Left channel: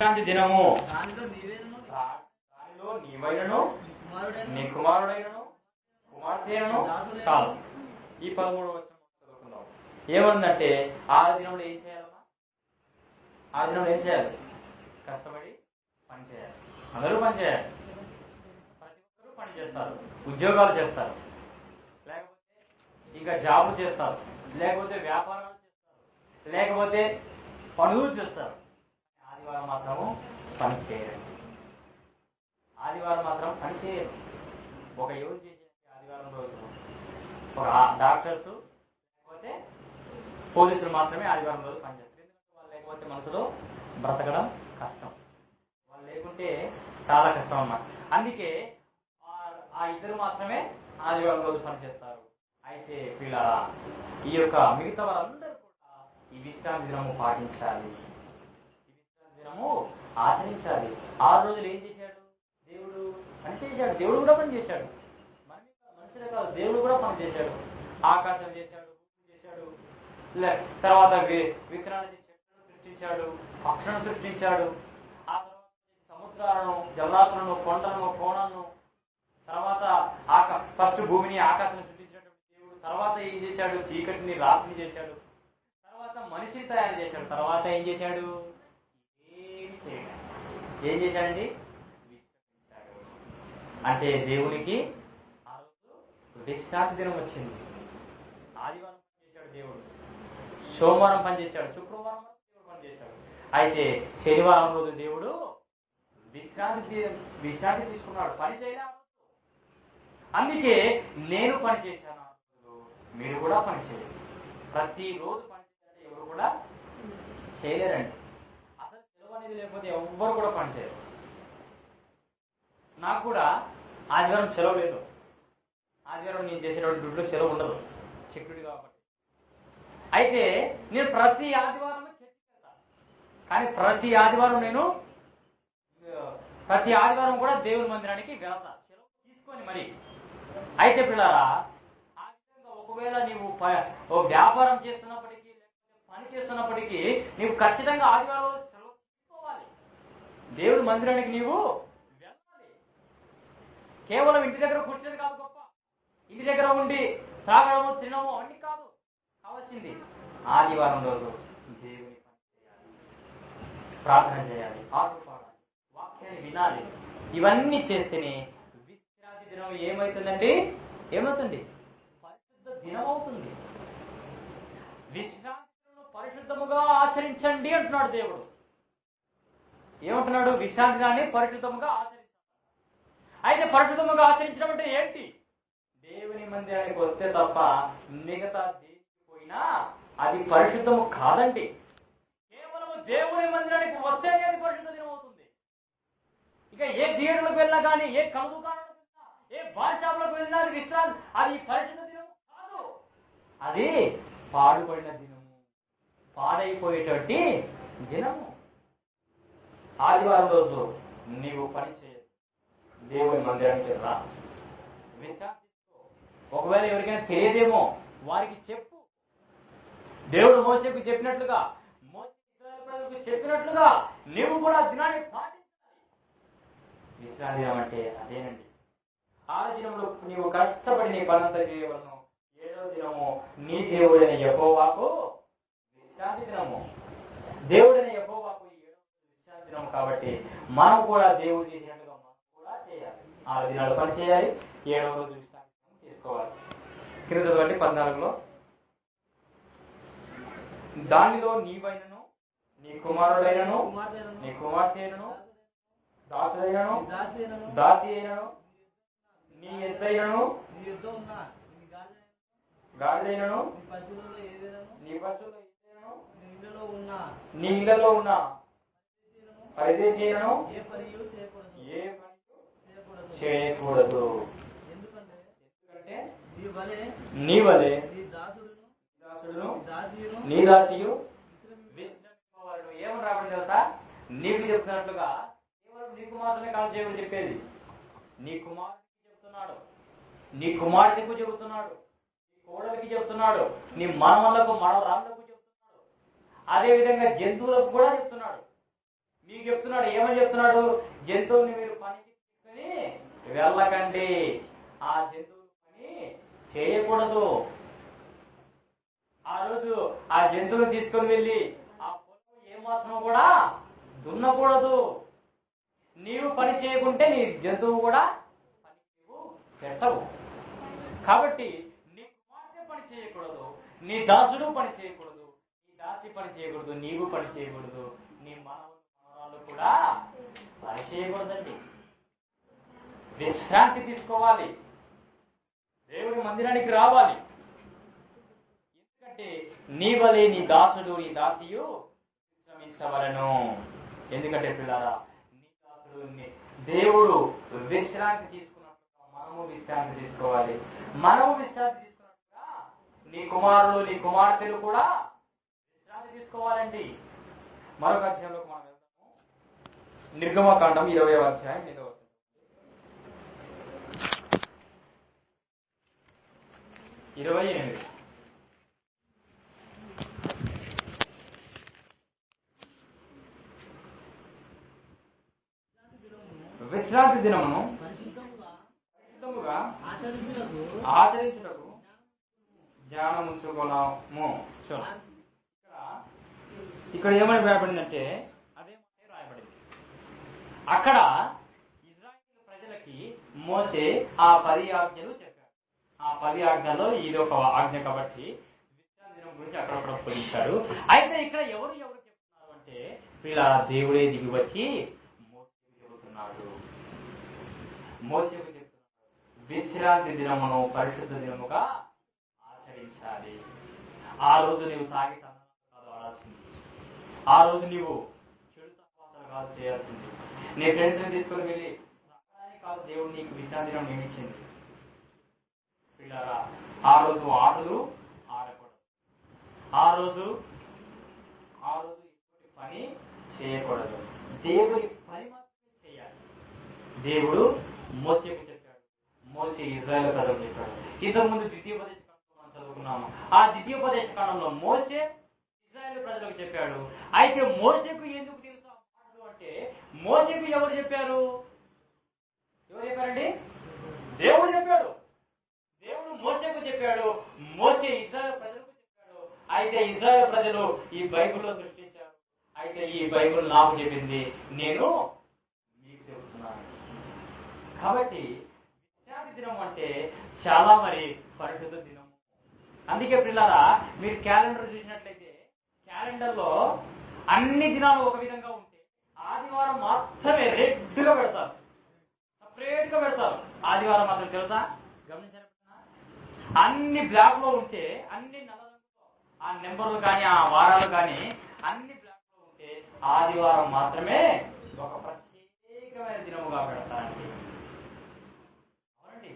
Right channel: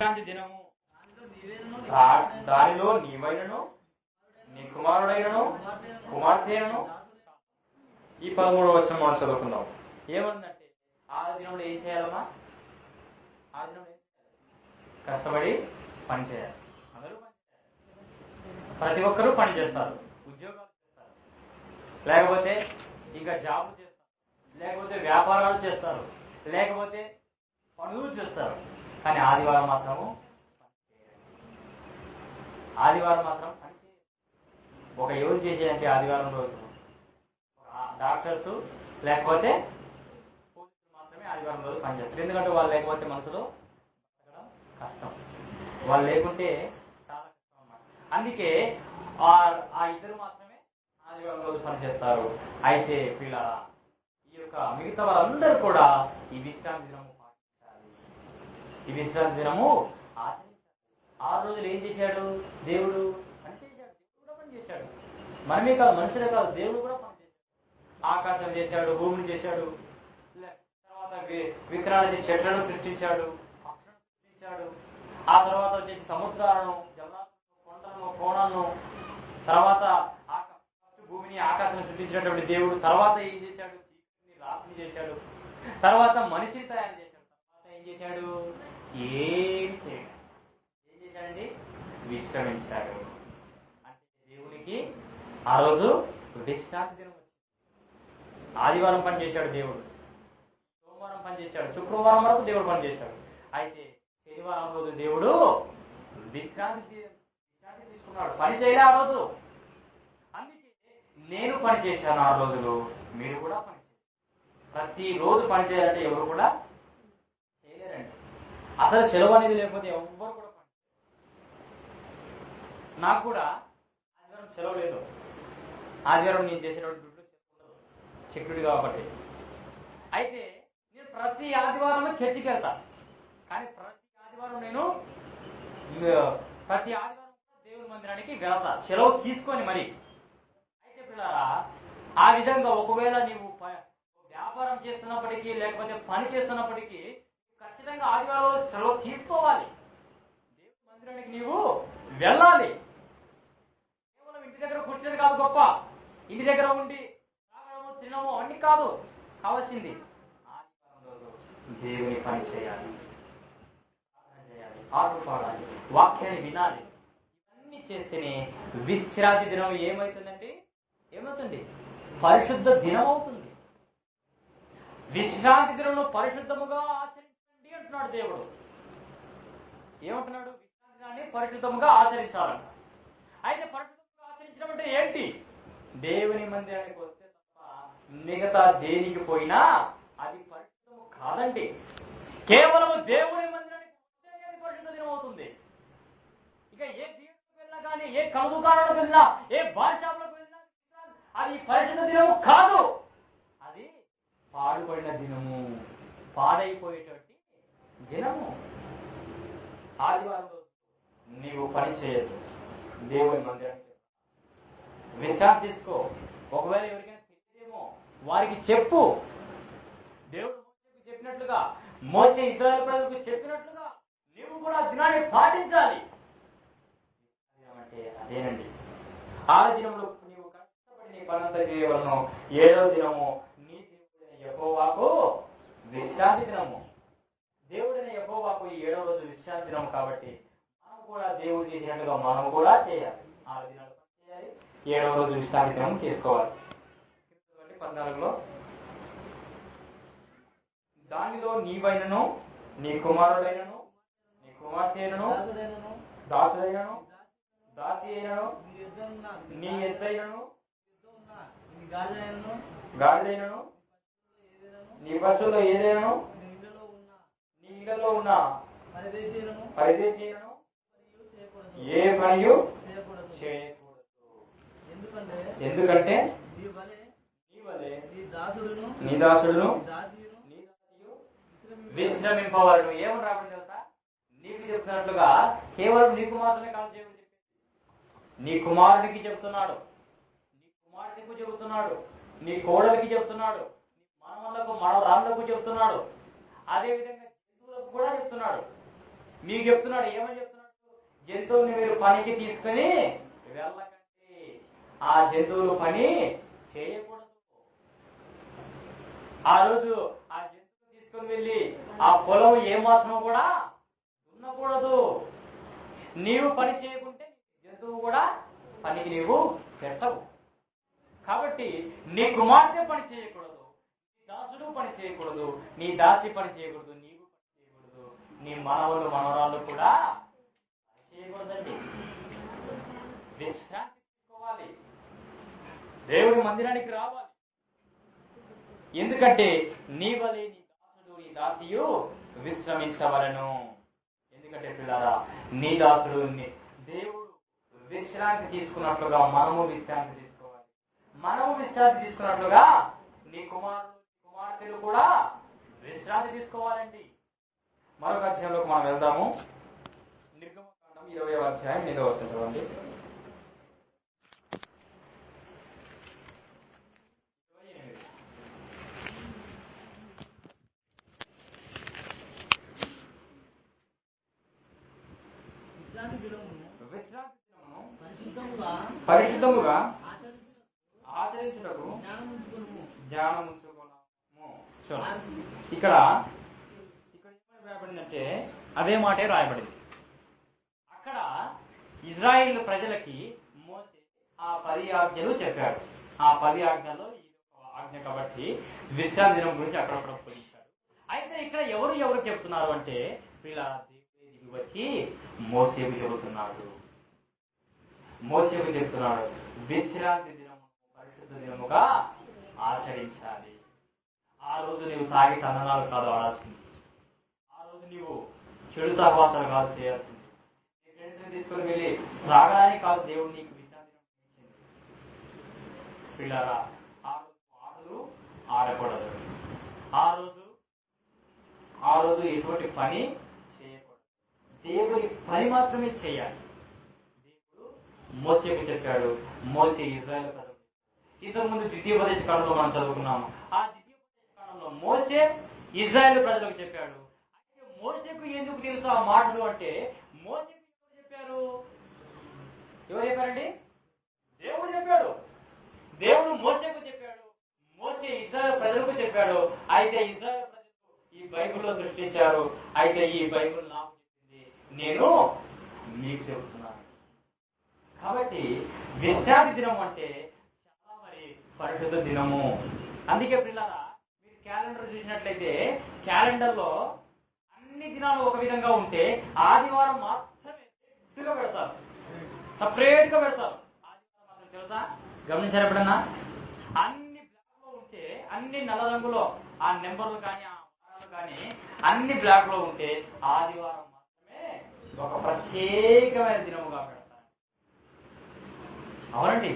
విశ్రాంతి దినము దానిలో నీవైనను నీ కుమారుడైనను కుమార్తెను కాదు. ఈ 13వ వచనం మనం చదువుకుందాం. ఏముందంటే ఆ దినంలో ఏం చేయాలమ్మా? ఆ దినంలో ఏం చేయాలి? కష్టపడి పని చేయాలి. అందరూ పని చేయాలి. ప్రతి ఒక్కరూ పని చేస్తారు, ఉద్యోగాలు చేస్తారు, లేకపోతే ఇంకా జాబులు చేస్తారు, లేకపోతే వ్యాపారాలు చేస్తారు, లేకపోతే పనులు చేస్తారు. కానీ ఆదివారం మాత్రము పని చేయరు. ఆదివారం మాత్రం పని చేయరు. ఒక ఎవరు చేసేదంటే ఆదివారం రోజు ఒక డాక్టర్స్ లేకపోతే పోలీసులు మాత్రమే ఆదివారం రోజు పనిచేస్తారు. ఎందుకంటే వాళ్ళు లేకపోతే మనసులో బ్రతకడం కష్టం. వాళ్ళు లేకుంటే చాలా కష్టం అన్నమాట. అందుకే ఆ ఇద్దరు మాత్రమే ఆదివారం రోజు పనిచేస్తారు. అయితే పిల్లల ఈ యొక్క మిగతా వాళ్ళందరూ కూడా ఈ విశ్రాంతి దినము పాటించాలి, ఈ విశ్రాంతి దినము ఆచరించాలి. ఆ రోజులు ఏం చేశాడు? దేవుడు పని చేశాడు. దేవుడు కూడా పని చేశాడు. మనమే కాదు, మనుషులే కాదు, దేవుడు కూడా పని చేశాడు. ఆకాశం చేశాడు, భూమిని చేశాడు, తర్వాత విత్తనాలు చెట్లను సృష్టించాడు, పక్షులను సృష్టించాడు. ఆ తర్వాత వచ్చేసి సముద్రాలను, జలరాశులను, కొండలను, కోణాలను, తర్వాత ఫస్ట్ భూమిని ఆకాశం సృష్టించినటువంటి దేవుడు తర్వాత ఏం చేశాడు? చీకటిని రాత్రిని చేశాడు. తర్వాత మనిషిని తయారు చేశాడు. తర్వాత ఏం చేశాడు? ఏం చేయడు. ఏం చేశాడండి? విశ్రమించాడు. అంటే దేవునికి ఆ రోజు విశ్రాంతి దినం వచ్చింది. ఆదివారం పని చేశాడు దేవుడు, సోమవారం పని చేశాడు, శుక్రవారం వరకు దేవుడు పని చేశాడు. అయితే శనివారం రోజు దేవుడు విశ్రాంతి తీసుకున్నాడు. పని చేయలే ఆ రోజు. అందుకే నేను పని చేశాను 6 రోజులు, మీరు కూడా పని చేయాలి. ప్రతి రోజు పని చేయాలంటే ఎవరు కూడా చేయలేరండి. అసలు సెలవు అనేది లేకపోతే ఎవ్వరు కూడా పని చేయరు. నాకు కూడా ఆదివారం సెలవు లేదు. ఆదివారం నేను చేసేటువంటి డ్యూటీలో సెలవు ఉండదు, సెక్యూరిటీ కాబట్టి. అయితే నేను ప్రతి ఆదివారం చర్చికి వెళ్తా. కానీ ప్రతి ఆదివారం కూడా దేవుని మందిరానికి వెళ్తా, సెలవు తీసుకొని మరి. అయితే పిల్లరా, ఆ విధంగా ఒకవేళ నీవు వ్యాపారం చేస్తున్నప్పటికీ లేకపోతే పని చేస్తున్నప్పటికీ నీవు ఖచ్చితంగా ఆదివారం సెలవు తీసుకోవాలి. దేవుడి మందిరానికి నీవు వెళ్ళాలి. కేవలం ఇంటి దగ్గర కూర్చునేది కాదు గొప్ప. ఇంటి దగ్గర ఉండి తాగడము, తినడము అన్ని కాదు కావాల్సింది. ఆదివారం రోజు దేవుని పని చేయాలి, ప్రార్థన చేయాలి, పాటలు పాడాలి, వాక్యాన్ని వినాలి. ఇవన్నీ చేస్తేనే విశ్రాంతి దినం ఏమవుతుందండి? ఏమవుతుంది? పరిశుద్ధ దినం అవుతుంది. విశ్రాంతి దినంలో పరిశుద్ధముగా ఆచరించండి అంటున్నాడు దేవుడు. ఏమంటున్నాడు? విశ్రాంతి దినాన్ని పరిశుద్ధముగా ఆచరించాలంట. అయితే పరిశుద్ధముగా ఆచరించడం అంటే ఏంటి? దేవుని మందిరానికి వస్తే తప్ప మిగతా దేనికి పోయినా అది పరిశుద్ధము కాదండి. కేవలం దేవుని మందిరానికి వస్తేనే అది పరిశుద్ధ దినం అవుతుంది. ఇక ఏ థియేటర్లకు వెళ్ళినా కానీ, ఏ కళ దుకాణాలకు వెళ్ళినా, ఏ బార్ షాపులకు వెళ్ళినా అది పరిశుద్ధ దినము కాదు. అది పాడుపడిన దినము, పాడైపోయేటువంటి దినము. ఆదివారం రోజు నీవు పని చేయదు, దేవుని మందిరానికి రా, విశ్రాంతి తీసుకో. ఒకవేళ ఎవరికైనా తెలియదేమో వారికి చెప్పు. దేవుడు మోసేకు చెప్పినట్లుగా, మోసే ఇశ్రాయేలు ప్రజలకు చెప్పినట్లుగా నీవు కూడా దినాన్ని పాటించాలి. విశ్రాంతి దినం అంటే అదేనండి. 6 దినంలో నీవు కష్టపడి నీ పనంతా చేయవలను. 7వ దినము నీ దేవుడైన యెహోవాకు విశ్రాంతి దినము. దేవుడైన యెహోవాకు ఈ 7వ రోజు విశ్రాంతి దినం కాబట్టి మనం కూడా దేవుడు చేసినట్టుగా మనం కూడా చేయాలి. 6 దినాలు పని చేయాలి, 7వ రోజు విశ్రాంతి దినం తీసుకోవాలి. కింద 14లో దానిలో నీవైనను నీ కుమారుడైనను నీ కుమార్తెను దాసుడైనను దాసి అయినను నీ ఎద్దైనను గాడిదైనను నీ పశువులో ఏదైనను నీ ఇళ్లలో ఉన్న పరిదేశీయులను ఏ పనియు చేయకూడదు. ఎందుకంటే నీ వలె నీ దాసుడును నీ దాసియు విశ్రమింపవలను. ఏమని రాబడి తెలుసా? నీకు చెప్తున్నట్లుగా కేవలం నీకు మాత్రమే కాదు దేవుడు చెప్పేది. నీ కుమారుడికి చెప్తున్నాడు, నీ కుమార్తెకు చెబుతున్నాడు, నీ కోడలికి చెప్తున్నాడు, నీ మనవళ్లకు మనవరాళ్లకు చెప్తున్నాడు, అదేవిధంగా జంతువులకు కూడా చెప్తున్నాడు. మీకు చెప్తున్నాడు. ఏమని చెప్తున్నాడు? జంతువుని మీరు పనికి తీసుకుని వెళ్ళకండి, ఆ జంతువులు పని చేయకూడదు. ఆ రోజు ఆ జంతువుని తీసుకుని వెళ్ళి ఆ పొలం ఏమాత్రం కూడా దున్నకూడదు. నీవు పని చేయకుంటే నీ జంతువు కూడా పనికి నీవు పెట్టవు. కాబట్టి నీ కుమార్తె పని చేయకూడదు, నీ దాసుడు పని చేయకూడదు, నీ దాసి పని చేయకూడదు, నీవు పని చేయకూడదు, నీ మనవలు మనవరాళ్ళు కూడా పని చేయకూడదండి. విశ్రాంతి తీసుకోవాలి, దేవుడి మందిరానికి రావాలి. ఎందుకంటే నీ వలె నీ దాసుడు నీ దాసియు విశ్రమించవలను. ఎందుకంటే పిల్లారా, నీ దాసుడు దేవుడు విశ్రాంతి తీసుకున్నట్లుగా మనము విశ్రాంతి తీసుకోవాలి. మనము విశ్రాంతి తీసుకున్నట్లుగా నీ కుమారులు నీ కుమార్తెలు కూడా విశ్రాంతి తీసుకోవాలండి. మరొక అధ్యాయంలోకి మనం వెళ్దాము. నిర్గమకాండం 20వ అధ్యాయం 8వ వచనం చదవండి. 28. విశ్రాంతి దినమును పరిశుద్ధముగా ఆచరించుటకు జ్ఞానముంచుకున్నాము. ఇక్కడ ఏమని రాయబడిందంటే అదే మాటే రాయబడింది. అక్కడ ఇజ్రాయిల్ ప్రజలకి మోసే ఆ 10 ఆజ్ఞలు చెప్పాడు. ఆ 10 ఆజ్ఞల్లో ఇది ఒక ఆజ్ఞ కాబట్టి విశ్రాంతి దినం గురించి అక్కడక్కడ పొందించాడు. అయితే ఇక్కడ ఎవరు చెప్తున్నారు అంటే వీళ్ళ దేవుడే దిగి వచ్చి మోసేకు చెబుతున్నాడు. విశ్రాంతి దినమును పరిశుద్ధ దినముగా ఆచరించాలి. ఆ రోజు నీవు తాగి తందనాలు కాదు ఆడాల్సింది. ఆ రోజు నీవు చెడు సహవాసాలు కాదు చేయాల్సింది. నీ ఫ్రెండ్స్ ని తీసుకుని వెళ్ళి త్రాగడానికి కాదు దేవుడు నీకు విశ్రాంతి దినం నియమించింది. పిల్లారా, ఆ రోజు ఆటలు ఆడకూడదు. ఆ రోజు ఎటువంటి పని చేయకూడదు. దేవుడి పని మాత్రమే చేయాలి. దేవుడు మోసేకు చెప్పాడు, మోసే ఇజ్రాయేల్ ప్రజలకు చెప్పాడు. ఇంతకుముందు ద్వితీయోపదేశ కాలంలో మనం చదువుకున్నాము. ఆ ద్వితీయోపదేశ కాలంలో మోసే ఇజ్రాయేల్ ప్రజలకు చెప్పాడు. అయితే మోసేకు ఎందుకు తెలుసు ఆ మాటలు అంటే, మోసేకు ఎవరు చెప్పారండి? దేవుడు చెప్పాడు. దేవుడు మోసేకు చెప్పాడు, మోసే ఇజ్రాయేల్ ప్రజలకు చెప్పాడు. అయితే ఇజ్రాయేల్ ప్రజలు ఈ బైబిల్లో సృష్టించారు. అయితే ఈ బైబిల్ నాకు చెప్పింది, నేను మీకు చెబుతున్నాను. కాబట్టి విశ్రాంతి దినం అంటే చాలా పరిశుద్ధ దినము. అందుకే పిల్లారా, మీరు క్యాలెండర్ చూసినట్లయితే క్యాలెండర్ లో అన్ని దినాలు ఒక విధంగా ఉంటే ఆదివారం మాత్రమే రెడ్ గా పెడతారు, సపరేట్ గా పెడతారు. ఆదివారం మాత్రం తెలుసా? గమనించారు ఎప్పుడన్నా? అన్ని బ్లాక్ లో ఉంటే, అన్ని నల్ల రంగులో ఆ నెంబర్లు కానీ ఆ వారాలు కానీ అన్ని బ్లాక్ లో ఉంటే ఆదివారం మాత్రమే ఒక ప్రత్యేకమైన దినముగా పెడతారండి. అవునండి,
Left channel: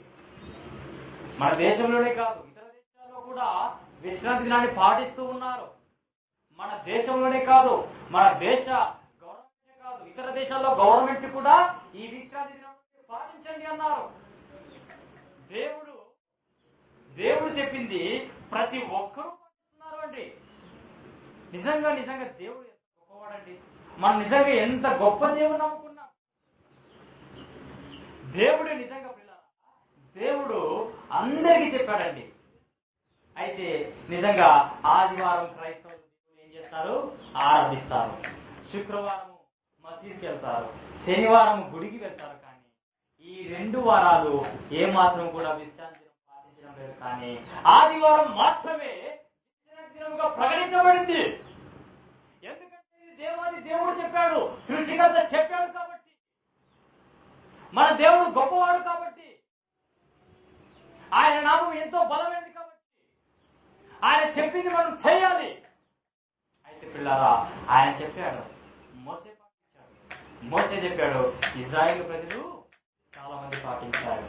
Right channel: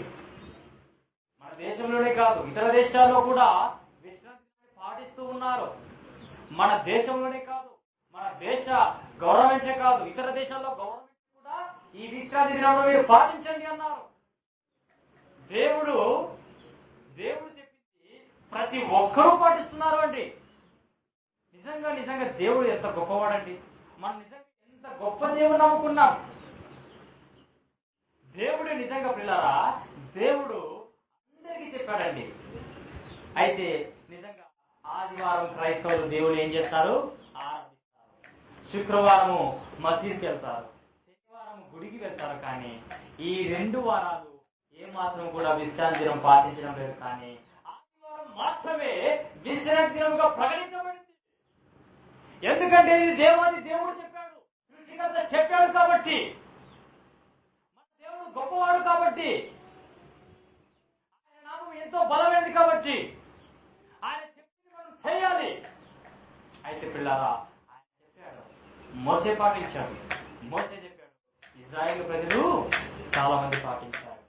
మన దేశంలోనే కాదు ఇతర దేశాల్లో కూడా విశ్రాంతి దినాన్ని పాటిస్తూ ఉన్నారు. మన దేశంలోనే కాదు, మన దేశ గవర్నమెంటే కాదు, ఇతర దేశాల్లో గవర్నమెంట్ కూడా ఈ విశ్రాంతి దినాన్ని మీరు పాటించండి అన్నారు. దేవుడు చెప్పింది ప్రతి ఒక్కరూ పాటిస్తున్నారు అండి. నిజంగా దేవుడు ఎంత గొప్పవాడండి. మనం నిజంగా ఎంత గొప్ప దేవుడు నమ్ముకున్నాం. దేవుడు నిజంగా పిల్లారా, దేవుడు అందరికీ చెప్పాడండి. అయితే నిజంగా ఆదివారం క్రైస్తవులు దేవుడు ఏం చేస్తారు? ఆరాధిస్తారు. శుక్రవారము మసీదుకి వెళ్తారు, శనివారం గుడికి వెళ్తారు. కానీ ఈ 2 వారాలు ఏమాత్రం కూడా విశ్రాంతి దినం పాటించడం లేదు. కానీ ఆదివారం మాత్రమే విశ్రాంతి దినంగా ప్రకటించబడింది. ఎందుకంటే ఇది దేవుడు చెప్పాడు, సృష్టికర్త చెప్పాడు కాబట్టి, మన దేవుడు గొప్పవాడు కాబట్టి, ఆయన నామం ఎంతో బలమైనది కాబట్టి ఆయన చెప్పింది మనం చేయాలి. అయితే పిల్లారా, ఆయన చెప్పాడు, మోసే పాటించాడు. మోసే చెప్పాడు, ఇజ్రాయేలు ప్రజలు చాలా మంది పాటించారు.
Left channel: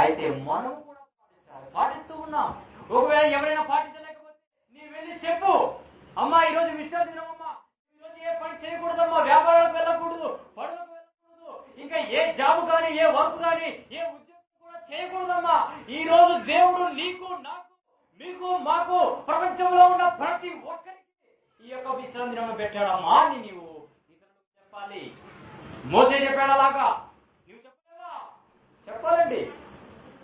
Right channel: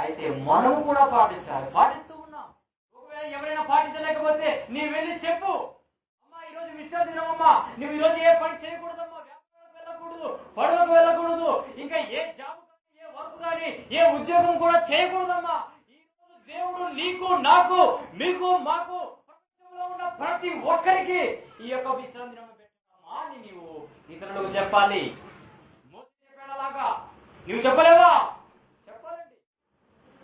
అయితే మనము కూడా పాటిస్తూ ఉన్నాం. ఒకవేళ ఎవరైనా పాటించలేకపోతే నీ వెళ్ళి చెప్పు, అమ్మా ఈరోజు విశ్రాంతి దినమమ్మా, నువ్వు ఈరోజు ఏ పని చేయకూడదమ్మా, వ్యాపారాలకు వెళ్ళకూడదు, పనులకు వెళ్ళకూడదు, ఇంకా ఏ జాబ్ కానీ ఏ వర్క్ కానీ ఏ ఉద్యోగం కూడా చేయకూడదమ్మా. ఈ రోజు దేవుడు నీకు నాకు మీకు మాకు ప్రపంచంలో ఉన్న ప్రతి ఒక్కరికి ఈ యొక్క విశ్రాంతి దినం పెట్టాడమ్మా అని నీవు ఇతరులకు చెప్పాలి. మోసే చెప్పాడు అలాగా, నువ్వు చెప్పలేవా? చెప్పాలండి.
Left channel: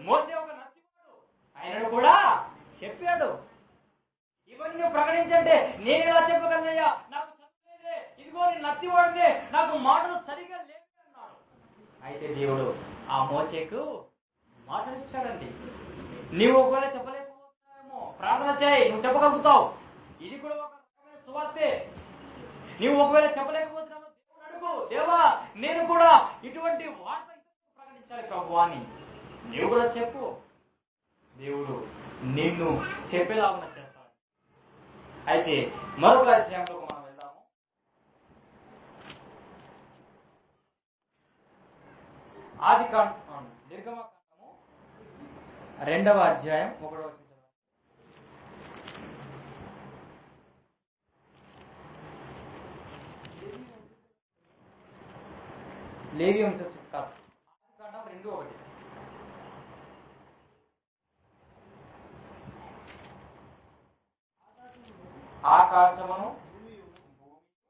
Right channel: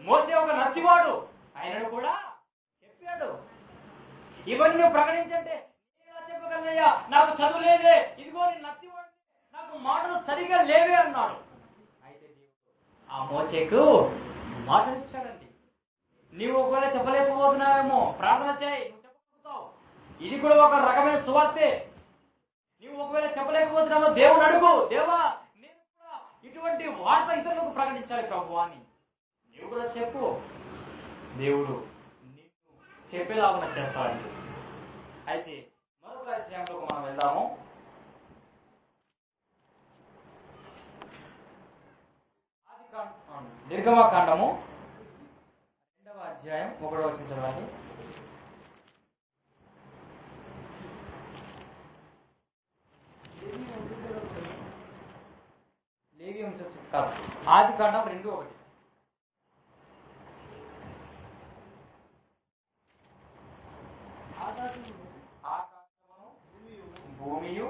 మోసే ఒక నత్తివాడు, ఆయనను కూడా చెప్పాడు. ఇవన్నీ నువ్వు ప్రకటించంటే నేను ఎలా చెప్పగలనయ్యా, నాకు చదువు లేదే, ఇదిగో నేను నత్తివాడినే, నాకు మాటలు సరిగా లేవే అన్నాడు. అయితే దేవుడు ఆ మోసేకు మాటలు ఇచ్చాడండి. నీవు ఒకవేళ చెప్పలేకపోతున్నావేమో ప్రార్థన చేయి, నువ్వు చెప్పగలుగుతావు. ఇది కూడా ఒక రకమైన సువార్తే. నీవు ఒకవేళ చెప్పలేకపోతున్నావో దేవుడు అడుగు, దేవా నేను కూడా ఇటువంటి వార్త ఇతరులకు ప్రకటించాలి ప్రభు అని నీవు కూడా చెప్పు. దేవుడు నిన్ను చెప్పేలాగా చేస్తాడండి. అయితే మరొక విషయంలోకి మనం వెళ్దాము. నిర్గమకాండము 2వ అధ్యాయం 1వ వచనం చదవండి. లేవి వంశం కాదు, ఆదికాండం 2:1. ఆకాశమును భూమియు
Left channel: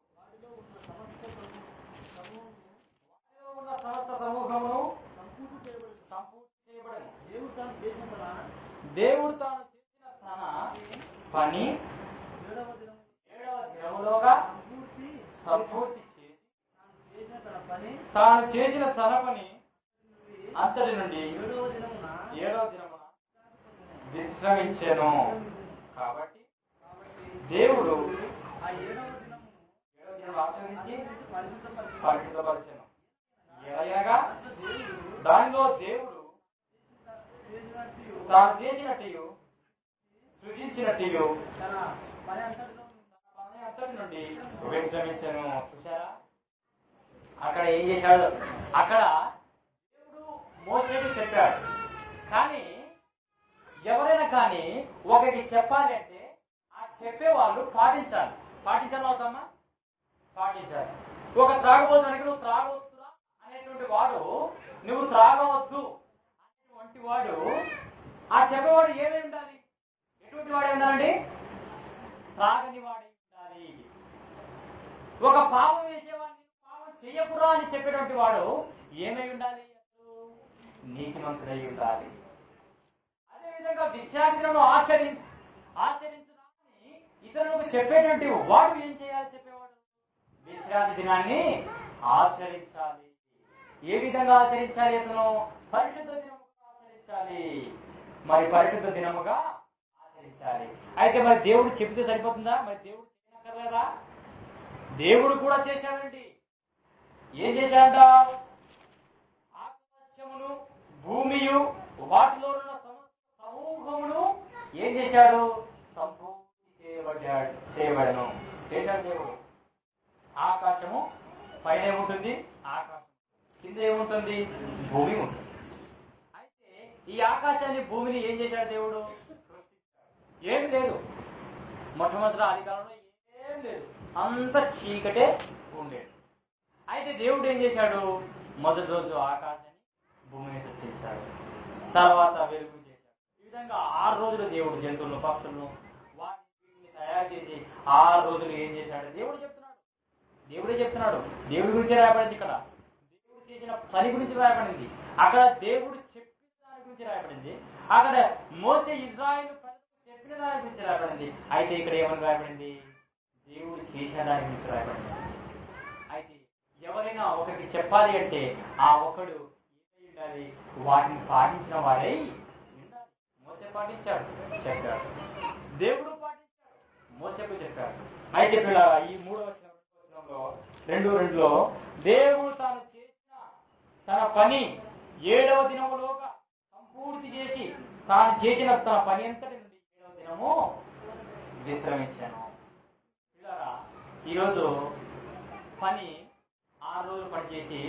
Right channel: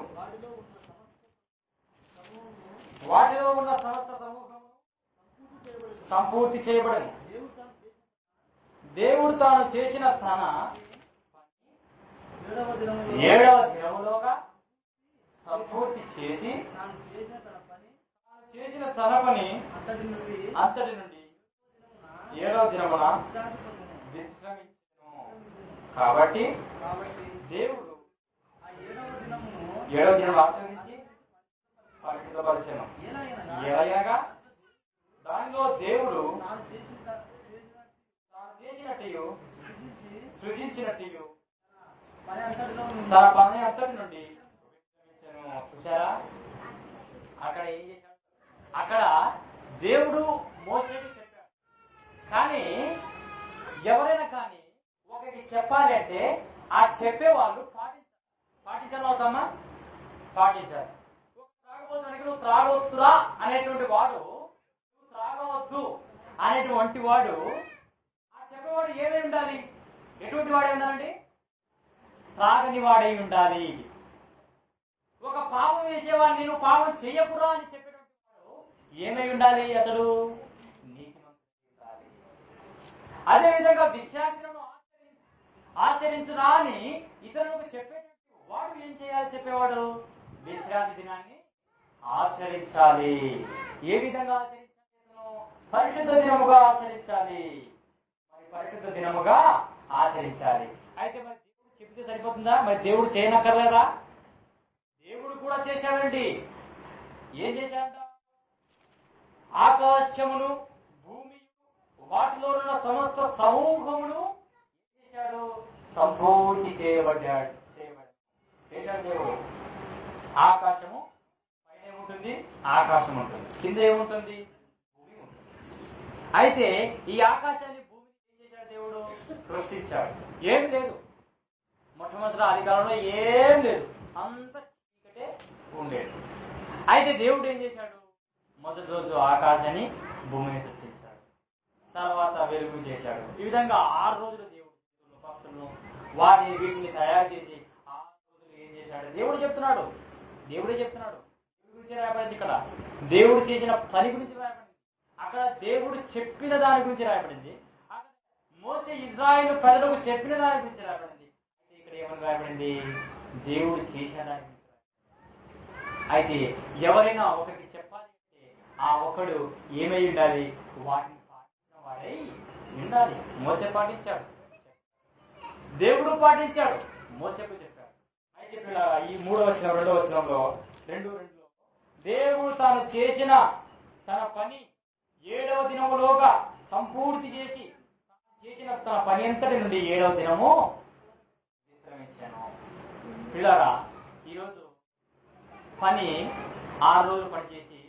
వాటిలో ఉన్న సమస్త సమూహమును సంపూర్తి చేయబడను. దేవుడు తాను చేసిన తన పని 7వ దినములోగా సంపూర్తి చేసి తాను చేసిన తన పని అంతటి నుండి 7వ దినమున విశ్రమించెను. కాబట్టి దేవుడు 7వ దినం ఆచరించి పరిశుద్ధపరిచెను. ఎలాగనగా దానిలో దేవుడు తాను చేసినట్టు సృజించినట్టు తన పని అంతటి నుండి విశ్రమించెను. చూసారా, అక్కడ ఏం చేశాడు? అక్కడ దేవుడు మోసేకి చెప్పాడు. కానీ ఎవరైనా కానీ ఒకరికి చెప్పాలి అంటే ఆ చెప్పే వాళ్ళు పాటించాలి. పాటించాలి అవుతామా? పాటించాలి. ఒక త్రాగబోతుడానికి నువ్వు త్రాగవద్దురా అనేటువంటి వాడు, నువ్వు త్రాగవద్దు అనేటువంటి వాడు, ఆ చెప్పేవాడు ఏమై ఉండాలి? ఎటువంటి వాడై ఉండాలండి? త్రాగని వాడై ఉండాలి. ఒక పాపం వేసేవాడిని నువ్వు పాపం చెయ్యకురా అని చెప్పేటువంటి వాడు ఏమై ఉండాలి? అతడు నీతిమంతుడై ఉండాలి. అదేవిధంగా విశ్రాంతిని ఆచరించురా అని ఇతరులకు చెప్పేటువంటి వాడు ఏం చేయాలి? చెప్పేవాడు విశ్రాంతి దినాన్ని ఆచరించాలి. ఏ విధంగా ఆచరించాలి? అతను పరిశుద్ధ దినముగా ఆచరించాలి. మరి పరిశుద్ధ దినముగా ఆచరించాలి. అయితే మరి దేవుడు చెబితే సరిపోతుందా? మరి దేవుడు చేయనక్కర్లేదా? దేవుడు కూడా చేశాడండి. ఏం చేశాడంట? ఆకాశమును భూమియు వాటిలో ఉన్న సమస్త సమూహమును ఏం చేశాడు? సంపూర్తి చేయబడను చేశాడు దేవుడు. ఆకాశము పైన ఏముంటుంది? ఆకాశం ఉంటుంది. కింద ఏముంటుంది? భూమి ఉంటుంది. అయితే ఈ ఆకాశాన్ని భూమిని ఏం చేశాడు? దేవుడు సృష్టించాడు. ఏం లేదు, మొట్టమొదటి ఆదికాలంలో ఏం లేదు, అంత చీకటే ఉండేది. అయితే దేవుడు ఏం చేశాడు? మొదటి రోజు ఆకాశాన్ని భూమిని సృష్టించాడు, తర్వాత వెలుగు చేశాడు. ఈ విధంగా 6 రోజులు దేవుడు జంతువులను పక్షులను వాటిని వీటిని తయారు చేసి 6 రోజులు ఏం చేశాడు? దేవుడే చెప్తున్నాడు. దేవుడి గురించి రాయబడింది. ఇక్కడ దేవుడు చేసిన పని గురించి రాయబడింది. అక్కడ దేవుడు చెప్పిన దాని గురించి రాయబడింది. అక్కడ మోసే ఇశ్రాయేలు ప్రజలకు చెప్పిన దాని గురించి రాయబడింది. అయితే ఇక్కడ ఏమని రాయబడింది? దేవుడు చేసిన దాని గురించి రాయబడింది. అయితే ఎవరైనా ఒకరికి చెప్పాలి అంటే ఆ ఒకడు ఏమై ఉండాలి? వాటిని పాటించిన వాడై ఉండాలి. మోసే పాటించాడు, చెప్పాడు. దేవుడు పాటించాడు, మోసేకు చెప్పాడు. అయితే ఈ 3వ వచనం 2వ వచనంలో 2:2లో దేవుడు తాను చేసిన తన పని 7వ దినములోగా సంపూర్తి చేసి తాను చేసిన తన పని అంతటి నుండి 7వ దినము విశ్రమించాను. పిల్లరా, ఈరోజు పని 6 రోజులు పనిచేసి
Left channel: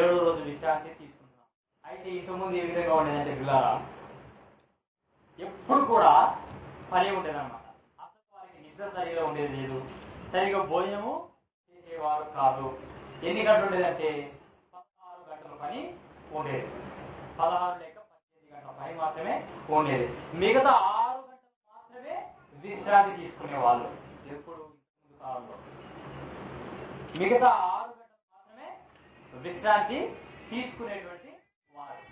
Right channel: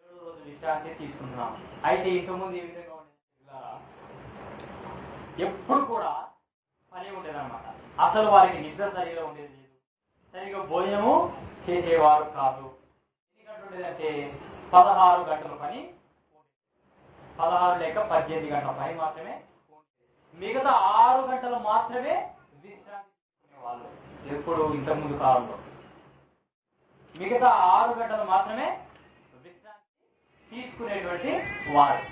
7వ రోజు విశ్రాంతి తీసుకుంటున్నాం. అయితే ఇంతకుముందు ఏ విధంగా ఉండేదంటే పిల్లరా, ఎప్పుడు కూడా పని ఉండేదన్నమాట. అసలు వారికి నిద్ర సరిగా ఉండేది లేదు, సరిగా భోజనము చేసేవారు కాదు. ఎన్ని గంటలు ఉండేదంటే 16 గంటల పని ఉండేది. 16 లేక 18 గంటల పని మాత్రమే ఉండేది. మిగతా 6 గంటలు మాత్రమే విశ్రాంతి తీసుకునే వాళ్ళు. ఎప్పుడు ఇంతకుముందు కాలంలో మిగతా 6 గంటలు మాత్రమే విశ్రాంతి తీసుకునేటువంటి వారు.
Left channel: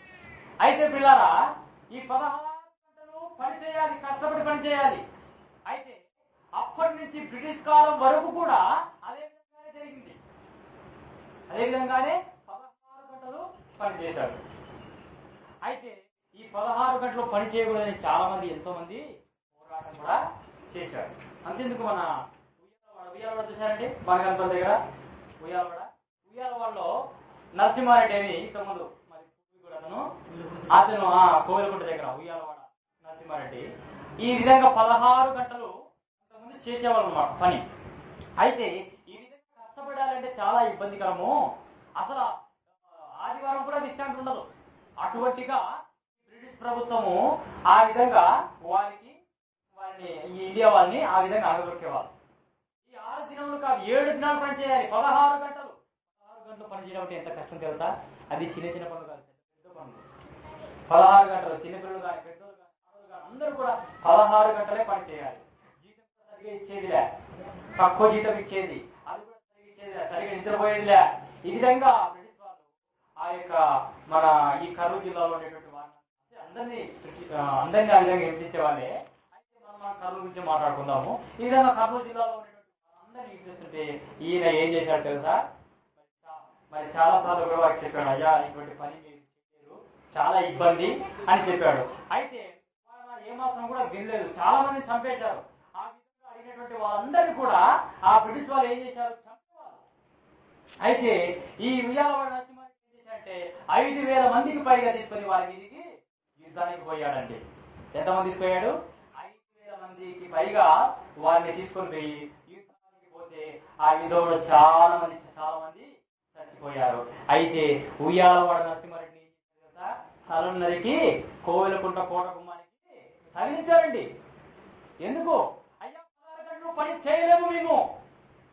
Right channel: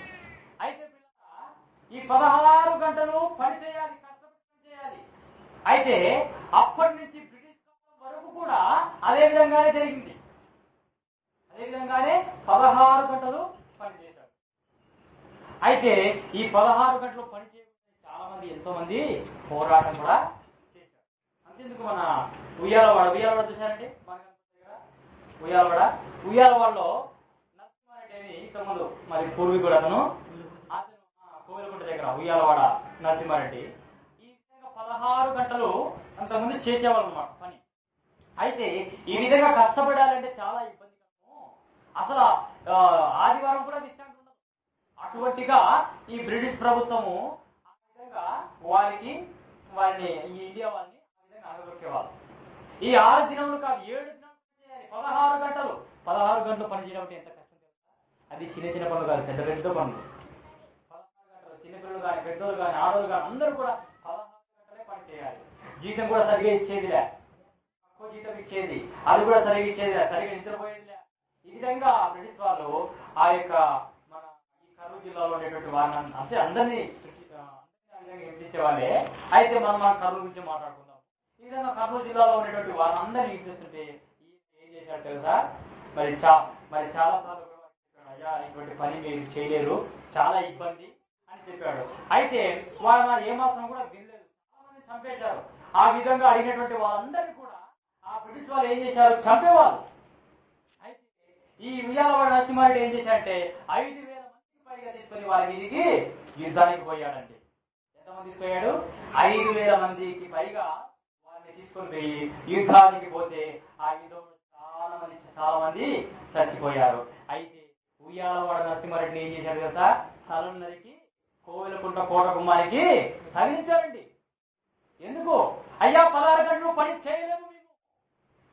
అయితే పిల్లారా, ఈ 16 గంటలు పనిచేయాలి, కష్టపడి పనిచేయాలి. అయితే అప్పటి నుంచి బ్రిటిష్ కాలం వరకు కూడా అదే విధంగానే జరిగింది. అదే విధంగానే 16 గంటలు పనిచేశాడు. అయితే ఈ 16 గంటలు పని చేయకూడదని చాలా మంది, ఎంతో మంది పోరాటం కూడా చేశారు. అంతేందుకు మన ఉయ్యాలవాడ చూశారండి, బాణగంపల్లి దగ్గర ఉయ్యాలవాడలో నరసింహారెడ్డి అని ఇంతకుముందు మరి పూర్వీకుడు అతను కోవిలకుంట దగ్గర ఉయ్యాలవాడ నరసింహారెడ్డి ఈ విధంగా 16 గంటలు అంతకుముందు చేసేవాళ్ళు అన్నమాట పని. అయితే ఈ విధంగా కష్టపడాలంటే చాలా ఇబ్బందికరము. అసలు ఆదివారం కూడా విశ్రాంతి ఉండదు. అటువంటిగా ఈ బ్రిటిష్ ప్రభుత్వము ఆ విధంగా వారిని ఈ ఇండియా వాళ్ళని ఆ విధంగా అణగదొక్కేవాళ్ళు. ఈ 6 దినములు కాదు, 7 దినాలు పని చేయాలి. 16 గంటలు పని చేయడం అంటే ఎంత కష్టం తెలుసా? అది చిన్న పనులు కాదు, పెద్ద పనులు. 16 గంటలు చిన్నపిల్లలు కానీ, పెద్దోళ్ళు కానీ, ఆడవాళ్ళు కానీ అందరూ కూడా 16 గంటలే పని చేయాలి. జీతం కూడా సరిగా ఇచ్చేదిలే, తక్కువ జీతం ఇచ్చేది, అది కూడా సరిగా ఇచ్చేదిలే, సరిగా నిద్రపోయేదిలే. ఈ విధంగా బ్రిటిష్ వాళ్ళు ఆ యొక్క మన ఈ కర్నూలు జిల్లాలో ఉండేటువంటి వారిని అంటే అందరినీ ఆ విధంగా హింసించే వాళ్ళే. అయితే మనం కర్నూలు గురించి మాట్లాడుకుందాము. ఈ విధంగా కర్నూలు జిల్లాలో ఉండేటువంటి వారిని అందరినీ హింసిస్తుంటే ఈయన ఏం చేశాడు తెలుసా? మరి చాలా సార్లు కూడా వారికి చెప్పాడు, అయ్యా ఇటువంటి పని మీరు చేయలేరు, చాలా ఇబ్బంది అని చెప్పాడు. అయితే వాళ్ళ ఏమాత్రం కూడా వినలేదు, చాలా మంది చంపేశారు. ఆ విధంగా అడిగినటువంటి వాళ్ళందరినీ కూడా ఆ బ్రిటిష్ వాళ్ళు ఏం చేశారు? చంపేవాళ్ళు. అయితే ఈ ఉయ్యాలవాడ నరసింహారెడ్డి ఏం చేశాడంటే 5,000 మందికి పైగా తీసుకొని వారి మీదికి యుద్ధానికి పోయాడండి. ఎంతమంది తీసుకుపోయాడు? 5,000 మందికి పైగా వారిని తీసుకొని పోయి యుద్ధానికి పోతే ఆ యుద్ధంలో చాలా మంది చచ్చిపోయారు. అయితే ఉయ్యాలవాడ నరసింహారెడ్డిని ఏం చేశాడు కదా? తలను నరికి కోవిలకుంట కోట గుమ్మానికి తగిలించారండి. ఎందుకు? అయ్యా 16 గంటలు పని చేయలేము, మేము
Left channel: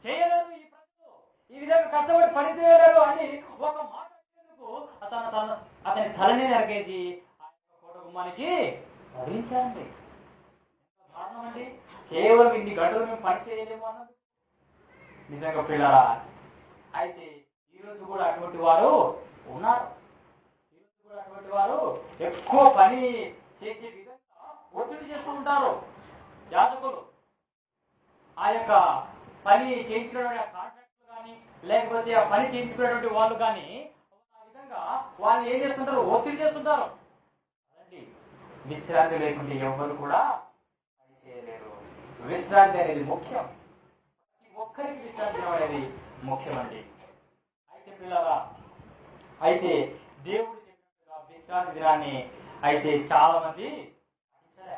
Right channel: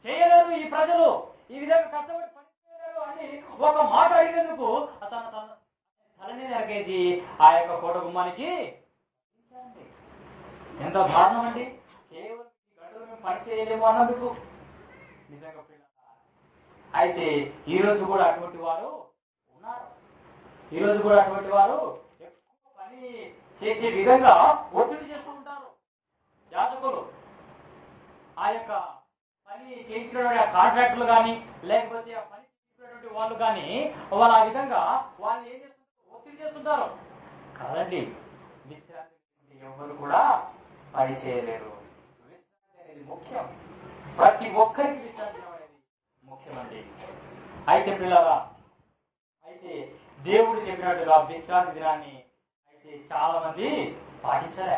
చేయలేరు, ఈ ప్రజలు ఈ విధంగా కష్టపడి పని చేయలేరు అని ఒక మాట అడిగినందుకు అతని తలని నరికేసి ఆ యొక్క కోట గుమ్మానికి తగిలించారండి. ఎంత దారుణం అండి! కేవలం ఇన్ని గంటలు మేము పని చేయలేము అన్నందుకు. నిజంగా పిల్లరా, అయితే ఈ రోజు కూడా అటువంటి వారు ఉన్నారు. ఈ రోజు కూడా అటువంటి వారు ఎక్కువ పని చేసే విధంగా ఒత్తిడి చేస్తూ ఉంటారు యాజకులు. ఆ యొక్క పని చేయించుకునేటువంటి కాంట్రాక్టర్లు కానీ, లేకపోతే ఆ పని చేయించుకునేటువంటి వాళ్ళు కానీ వాళ్ళు ఆ విధంగా వాళ్ళు ఏం చేస్తుంటారు? ఒత్తిడి చేస్తుంటారు కాదండి. విశ్రాంతి లేకుంటే ఎవరు కూడా పని చేయలేరు. విశ్రాంతి అనేది ముఖ్యం. ప్రతి ఒక్కరికి విశ్రాంతి అనేది ముఖ్యమండి. అయితే పిల్లరా, అయితే దేవుడు చెప్పినట్టుగా విశ్రాంతి దినాన్ని అయితే చాలా మంది పాటించలే.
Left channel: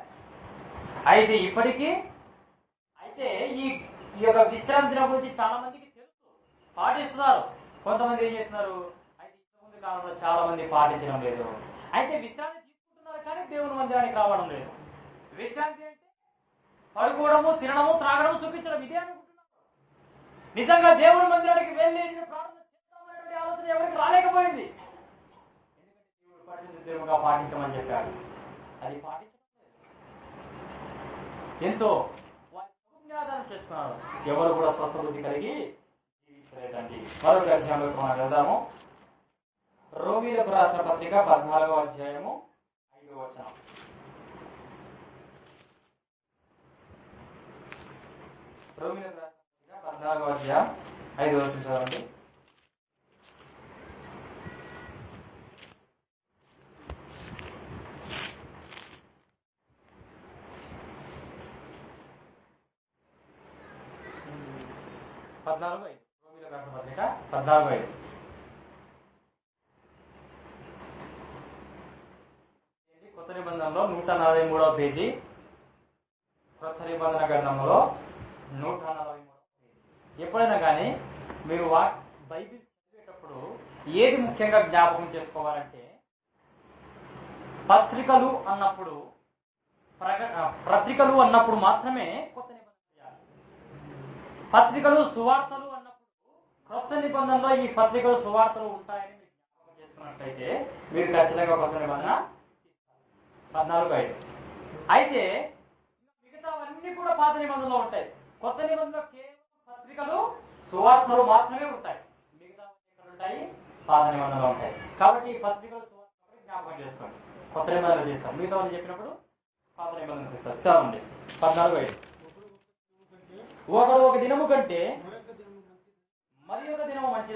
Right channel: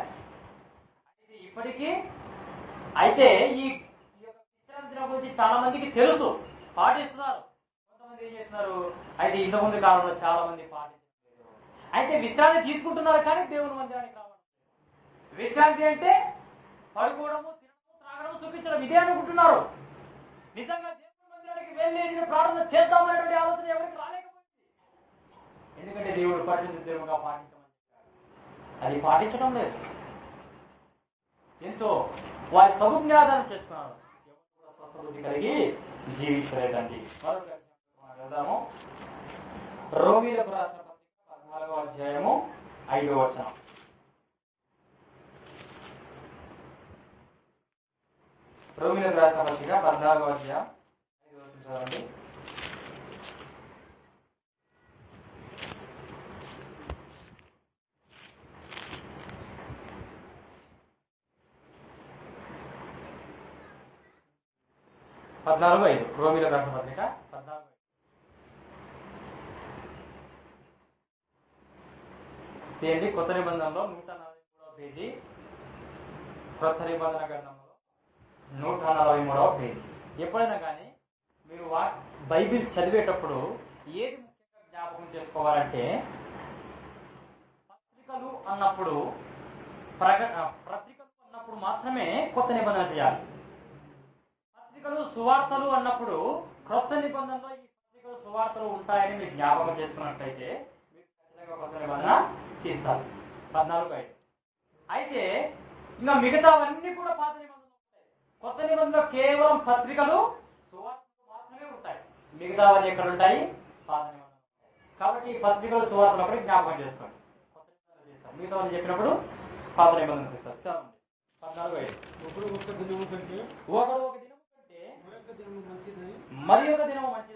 అయితే ఇప్పటికీ అయితే ఈ యొక్క విశ్రాంతి దినం గురించి చాలా మందికి తెలుసు, పాటిస్తున్నారు. కొంతమంది ఏం చేస్తున్నారు? అయితే ఇంతకుముందు కాలంలో చాలా మంది పాటించడం లేదు. అయితే విశ్రాంతి తీసుకుంటున్నారు కానీ దేవుని మందిరానికి రావడం లేదు. విశ్రాంతి అంటే పడుకోవడము, తినడము, త్రాగడము, చూపించడం, ఇదే అనుకుంటున్నారు. నిజంగా దేవుని మందిరానికి వెళ్ళి ప్రార్థన చేద్దామనేటువంటి ఆలోచన ఎవరికి రాలేకపోయింది. ఎందుకంటే దేవుడు పరిశుద్ధ దేవుడుగా పాటించమని చెప్పాడు, అది పాటించడం లేదు. ఎంతో వారి సముజ్ఞాదానం చేస్తున్నారు, ఎవరు కూడా స్వస్థబుద్ధి కలిగి జీవించలేదండి. మరొక అధ్యాయంలోకి మనం వెళ్దాము. రోమీలకు రాసిన పత్రిక 14వ అధ్యాయము 5వ వచనం. రోమీలకు రాసిన పత్రిక 14వ అధ్యాయం 5వ వచనం చదవండి. రోమీలకు రాసిన పత్రిక 14:5. ఏంటి? కొత్త నిబంధనలో 143వ పేజీ, కొత్త నిబంధన గ్రంథంలో 143వ పేజీ. ఎప్పుడైనా కానీ మీరు బైబిల్ చదివేటప్పుడు ఏది ముఖ్యంగా జ్ఞాపకం చేసుకోవాలంటే, పత్రికలు అన్నప్పుడు మాత్రమే కొత్త నిబంధన చేయాలి. పత్రికలు, సువార్తలు అన్నప్పుడు కొత్త నిబంధనలో ఈ పత్రికలు, సువార్తలు ఉంటాయని మీరు జ్ఞాపకం చేసుకున్నట్లయితే మీరు ఖచ్చితంగా కొత్త నిబంధన తీస్తారు. 14:5. అయితే ఇంకా మిగతావన్నీ కూడా పాత నిబంధనలో ఉంటాయి. కొత్త నిబంధనలో కేవలం పత్రికలు, సువార్తలు మాత్రమే ఉంటాయి, మిగతావన్నీ ఎక్కడ ఉంటాయి? పాత నిబంధనలు ఉంటాయి. కాబట్టి ఈ పత్రికలు సువార్తలు ఒకటి జ్ఞాపకం చేసుకోండి. కొత్త నిబంధనలు చేస్తాం, మిగతా వాళ్ళు చెప్పినప్పుడు పాత నిబంధనలు తీస్తారు. చదవండి 14:5. ఒకడు ఒక దినము కంటే మరి ఒక దినము మంచి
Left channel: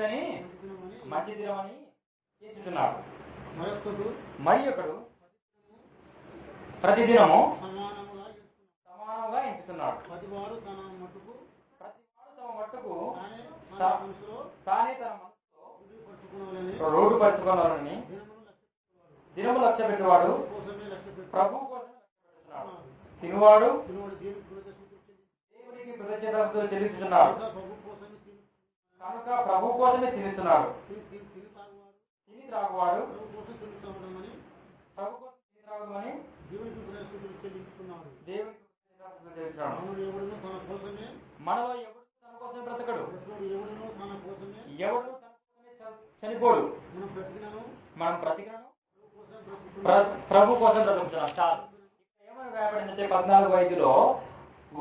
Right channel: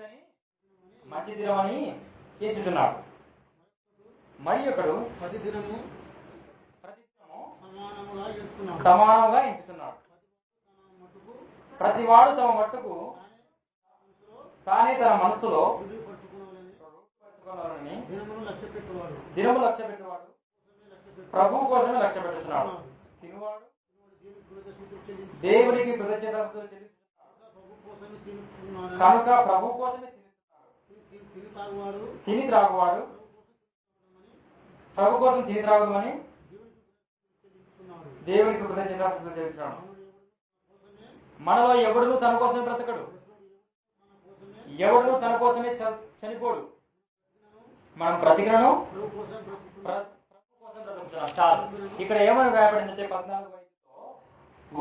దినమని ఎంచుతున్నాడు. మరి ఒకడు ప్రతి దినము సమానంగా ఎంచుతున్నాడు. ప్రతివాడు తమ మట్టుకు తానే తన మనసులో రూఢిపరుచుకోవాలని దినము లక్ష్య పెట్టేవాడు ప్రభువు కోసమే లక్ష్య పెట్టుతున్నాడు. తినువాడు దేవునికి కృతజ్ఞతలతో చెల్లిస్తున్నాడు కనుక ప్రభు కోసమే తినిస్తున్నాడు. తిని త్రాగువాడు ప్రభు కోసం తిని త్రాగుమని దేవునికి కృతజ్ఞతలతో చెల్లిస్తున్నాడు. మనలో ఎవడును తన కోసమే బ్రతకడు, ఎవడును తన కోసమే చనిపోడు. మనం బ్రతికినను ప్రభు కోసం బ్రతుకుతున్నాం. చాలు. ఇక్కడ ఏమని రాయబడిందంటే 14:5లో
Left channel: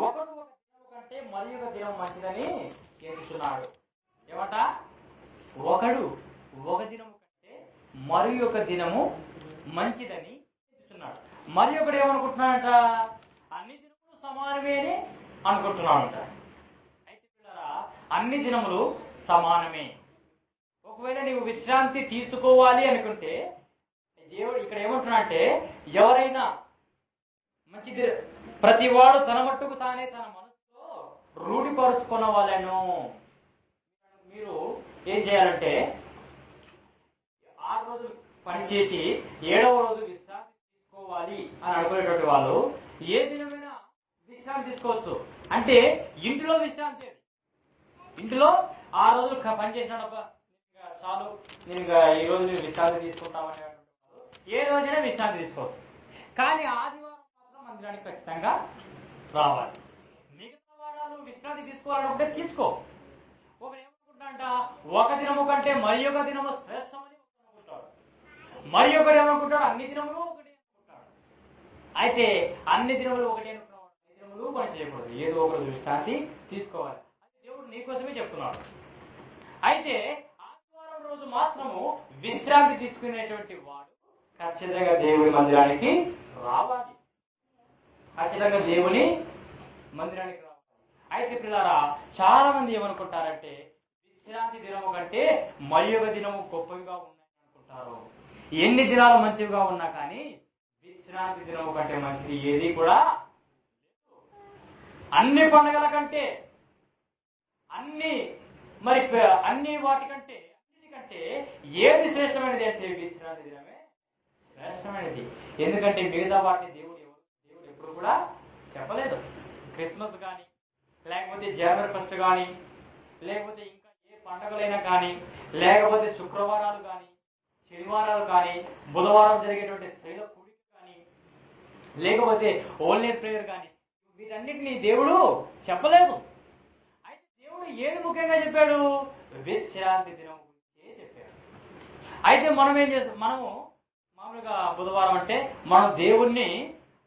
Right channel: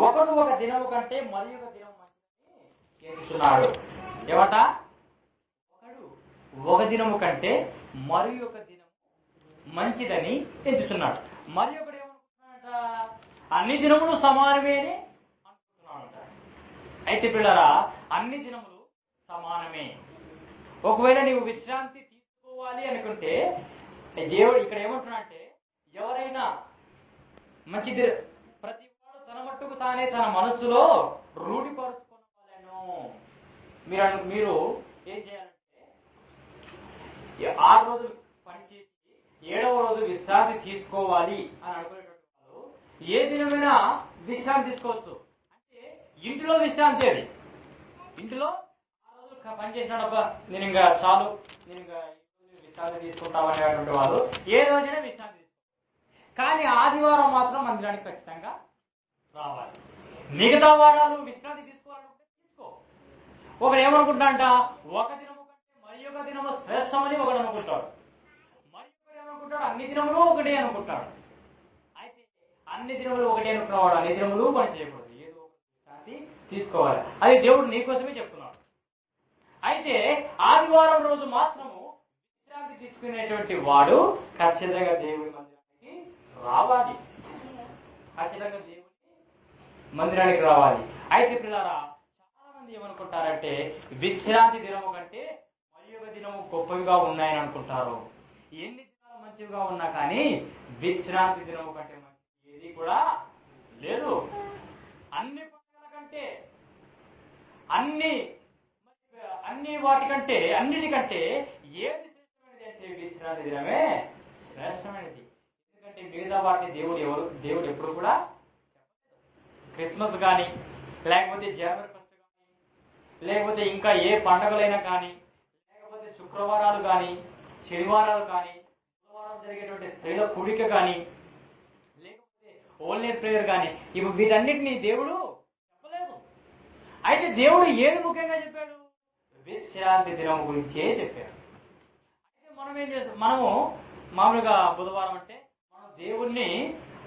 ఒకడు ఒక దినము కంటే మరి ఒక దినం మంచిదని ఎంచుతున్నాడు. ఏమట? ఒకడు ఒక దినము కంటే మరి ఒక దినము మంచిదని ఎంచుతున్నాడు. మరి ఒకడు ఏమనుకుంటున్నాడంట? అన్ని దినములు సమానమే అని అనుకుంటున్నాడంట. అయితే పిల్లరా, అన్ని దినములు సమానమే. ఒకవేళ నీవు విశ్రాంతి తీసుకోవాలి అనుకుంటే దేవుడు ఇక్కడ ఏమంటున్నాడంటే, ఎవరైనా మంచిది ప్రతివాడు తన మట్టుకు తానే తన మనస్సులో రూఢిపరుచుకున్న వాళ్ళను మీరు ఏం చేయాలంటే 6 రోజులు పనిచేసి 7వ రోజు విశ్రాంతి తీసుకోవాలి అని అనుకునేటువంటి వాళ్ళు ఏ దినమైనా విశ్రాంతి తీసుకోవచ్చు. అంటే ఇంటిలో విశ్రాంతి, అది ఇంటిలో 6 రోజులు పని చేసినాడబ్బా, నేను ఇంకా చాలు, నేను ఇంకా ఈ రోజు నేను విశ్రాంతి తీసుకుంటామనేటువంటి వాళ్ళు ఏ రోజైనా విశ్రాంతి తీసుకోవచ్చు. కానీ ఆదివారం మాత్రం మందిరానికి ఖచ్చితంగా రావాలి. మిగతా వారాలు విశ్రాంతి తీసుకోవాలనుకుంటే తీసుకో. ఒకడు ఏమనుకుంటాడంట, ఒక దినము కంటే మరి ఒక దినము శ్రేష్టమని ఒకడు అనుకుంటాడు. మరి ఒకడు ఏమనుకుంటాడు, అన్ని దినములు ఒకటే అనుకుంటాడు. అయితే అన్ని దినములు ఒకటే అనుకున్నవాడు అన్ని దినములు పని చేయకూడదు, ఏదో ఒకటి విశ్రాంతి తీసుకోవాలి. అది దేవుడు నీకోసమే చెప్తున్నాడు. అయితే ఆదివారం రోజు మాత్రము విశ్రాంతి తీసుకునేటువంటి వాడు ఖచ్చితంగా దేవుని మందిరానికి రావాలి. ఖచ్చితంగా దేవుని మందిరానికి రావాలి. అయితే పిల్లరా, చాలా మంది ఏమనుకుంటారంటే విశ్రాంతి దినము కంటే మరి ఒక దినము గొప్పవిగా ఉన్నాయని అనుకుంటారు. ఎన్ని దినాలు మంచివిగా ఉన్నా కానీ విశ్రాంతి దినము కంటే మంచిది ఏది కూడా లేదు. అన్ని పండుగల కంటే అన్ని వాటికంటే అన్నిటికంటే ఏది శ్రేష్టమైనది అంటే విశ్రాంతి దినమే శ్రేష్టమైనది. ఎందుకంటే మిగతా వాటిని దేవుడు ఎప్పుడు కూడా చెప్పలేదు. క్రిస్మస్ కానీ, లేకపోతే జనవరి 1 కానీ, లేకపోతే ఇంకా ఏ పండుగలైనా కానీ, లేకపోతే శుక్రవారాలు కానీ, శనివారాలు కానీ, బుధవారం జరిగేటువంటి స్త్రీల కూడిక కానీ, లేకపోతే ఓల్ నైట్ ప్రేయర్ కానీ, ఇవి వీటన్నిటినీ దేవుడు చెప్పలేదు. అయితే దేవుడు ఏది ముఖ్యంగా చెప్పాడు? విశ్రాంతి దినం గురించే చెప్పాడు. అయితే మనము మామూలుగా బుధవారం అంటే మనం దేవుణ్ణి